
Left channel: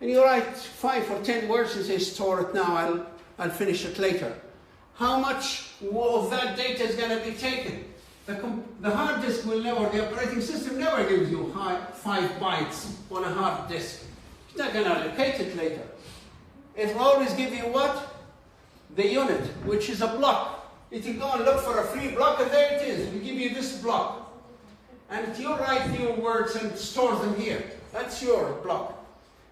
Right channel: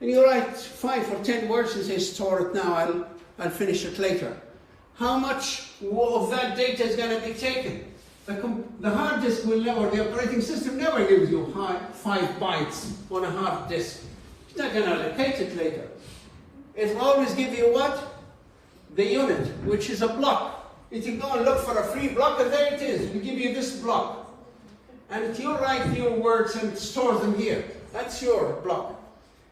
and you write 5 or 10 words and say, store it now, I'll finish it later. How much of that data is going to be taken? The hard disk will never, the operating system never gives you 5 bytes on a hard disk. It's not going to allocate it later. It will always give you what? The unit, which is a block. You can go and look for a free block, and there it is. We give you this block. And you write your words and store them here. That's your block.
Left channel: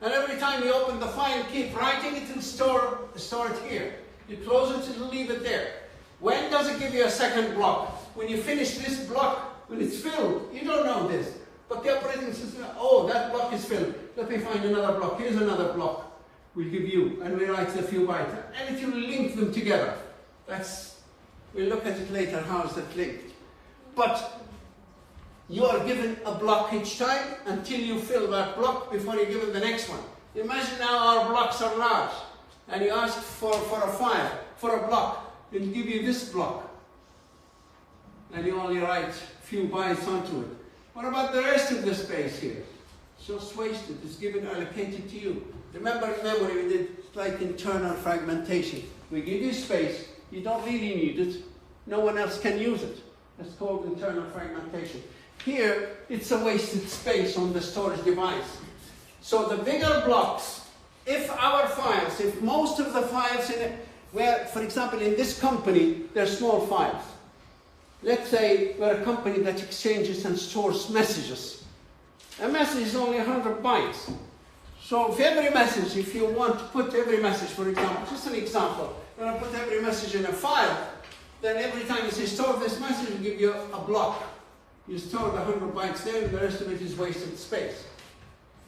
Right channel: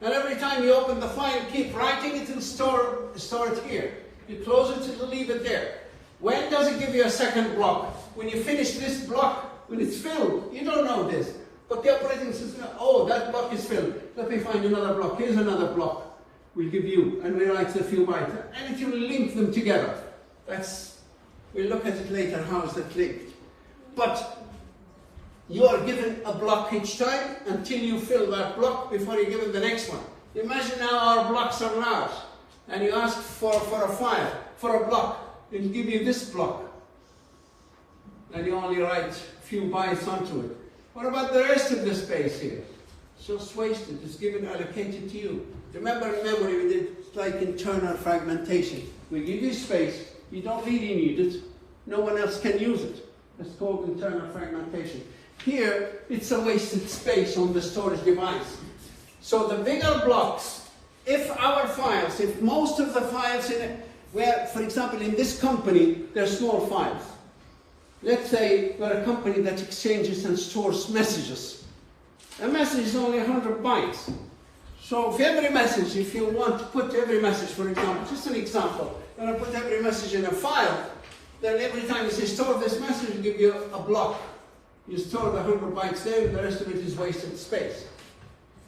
And every time you open the file, keep writing, it will store it here. You close it, it will leave it there. When does it give you a second block? When you finish this block, when it's filled. You don't know this. But the operating system, oh, that block is filled. Let me find another block. Here's another block. We'll give you, and we write a few bytes. And if you link them together, we'll look at it later, how is that linked. But you are given a block each time until you fill that block before you're given the next one. Imagine now our blocks are large, and you ask for a file, for a block. It'll give you this block, and you only write a few bytes onto it. What about the rest of the space here? It's just wasted. It's given, allocated to you. Remember in memory we did like internal fragmentation. We give you space, you don't really need it, no one else can use it. It's called internal fragmentation. Here, it's a wasted space on the storage device. So the bigger blocks, if most of the files in it, where, for example, in this company, they're small files. Let's say we're a company that exchanges and stores messages. A message is only 100 bytes. So if every message, if you want to put every message, for example, just an example, you want to put every message in a file, then every time you say store this message, it'll give you a block. You store the 100 bytes there, and the rest of it is wasted space.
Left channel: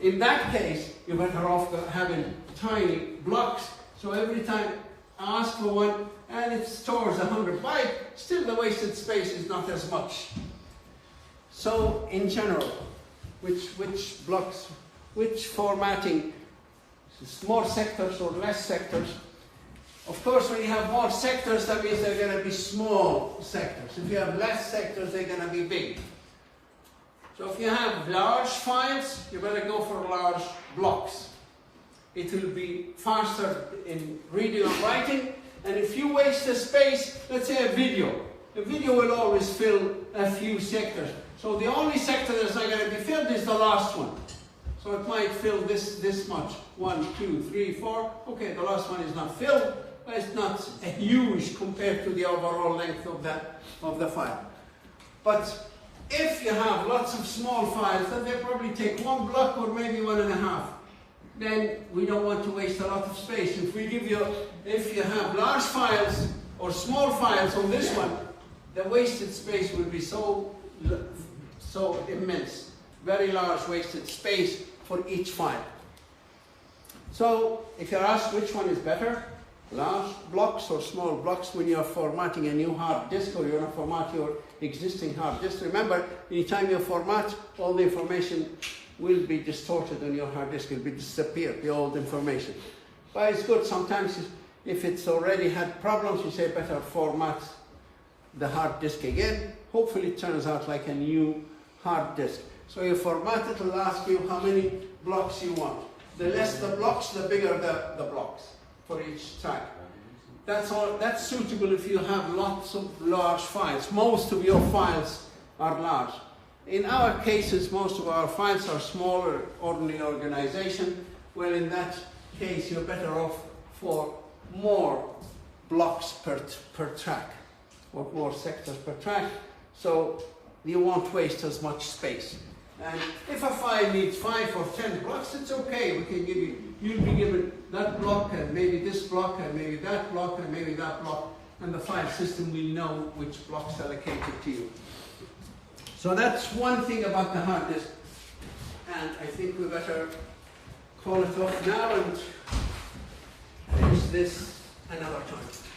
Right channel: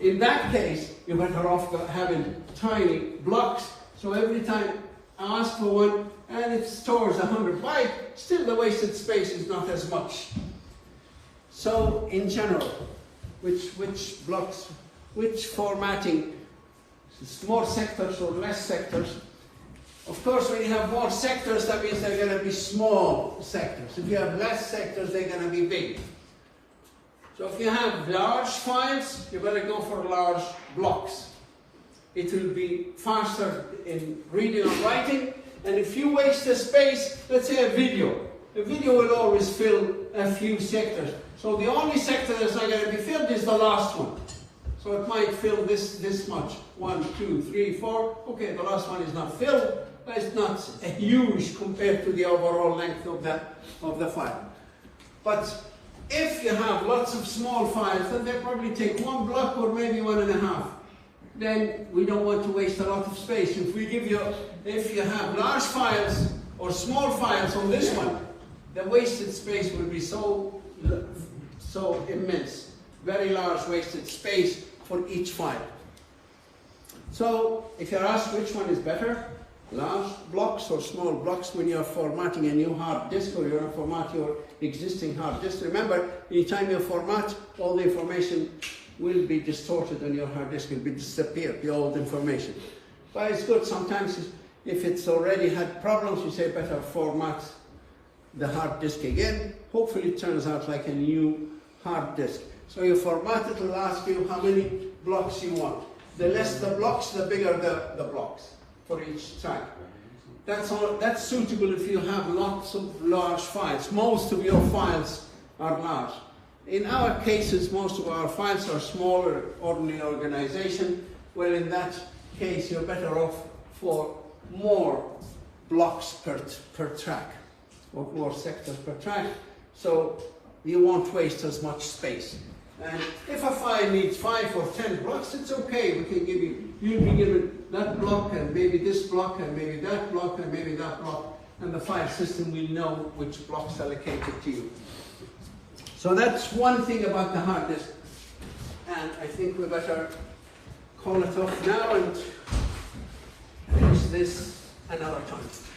In that case, you're better off having tiny blocks, so every time I ask for one, and it stores 100 bytes, still the wasted space is not as much. So, in general, which blocks, which formatting, more sectors or less sectors? Of course, when you have more sectors, that means they're going to be small sectors. If you have less sectors, they're going to be big. So if you have large files, you better go for large blocks. It will be faster in reading or writing. And if you waste the space, let's say a video will always fill a few sectors. So the only sector that's not going to be filled is the last one. So it might fill this much. 1, 2, 3, 4. Okay, the last one is not filled, but it's not huge compared to the overall length of the file. But if you have lots of small files, then they probably take 1 block or maybe 1.5. Then we don't want to waste a lot of space. If you have large files or small files on this one, the wasted space will be so immense. Very large wasted space for each file. So if you're asked which one is better, large blocks or small blocks when you're formatting a new hard disk or you want to format your existing hard disk, remember, anytime you format, all the information will be distorted on your hard disk, will be disappear, the old information. But it's good sometimes if it's already had problems, you say better format the hard disk again. Hopefully it turns out like a new hard disk. So you format it, it'll ask you how many blocks you want. The less the blocks, the bigger the blocks for each time. That's suitable if you have lots of large files. Most of your files are large. In our cases, most of our files are smaller, ordinary organization. Well, in that case, you're better off for more blocks per track, or more sectors per track, so you won't waste as much space. And if a file needs 5 or 10 blocks, it's okay. We can give you'll be given that block, and maybe this block, and maybe that block, and maybe that block, and the file system will know which blocks allocated to you. So that's one thing about the hard disk. And I think we better call it off now and finish this another time.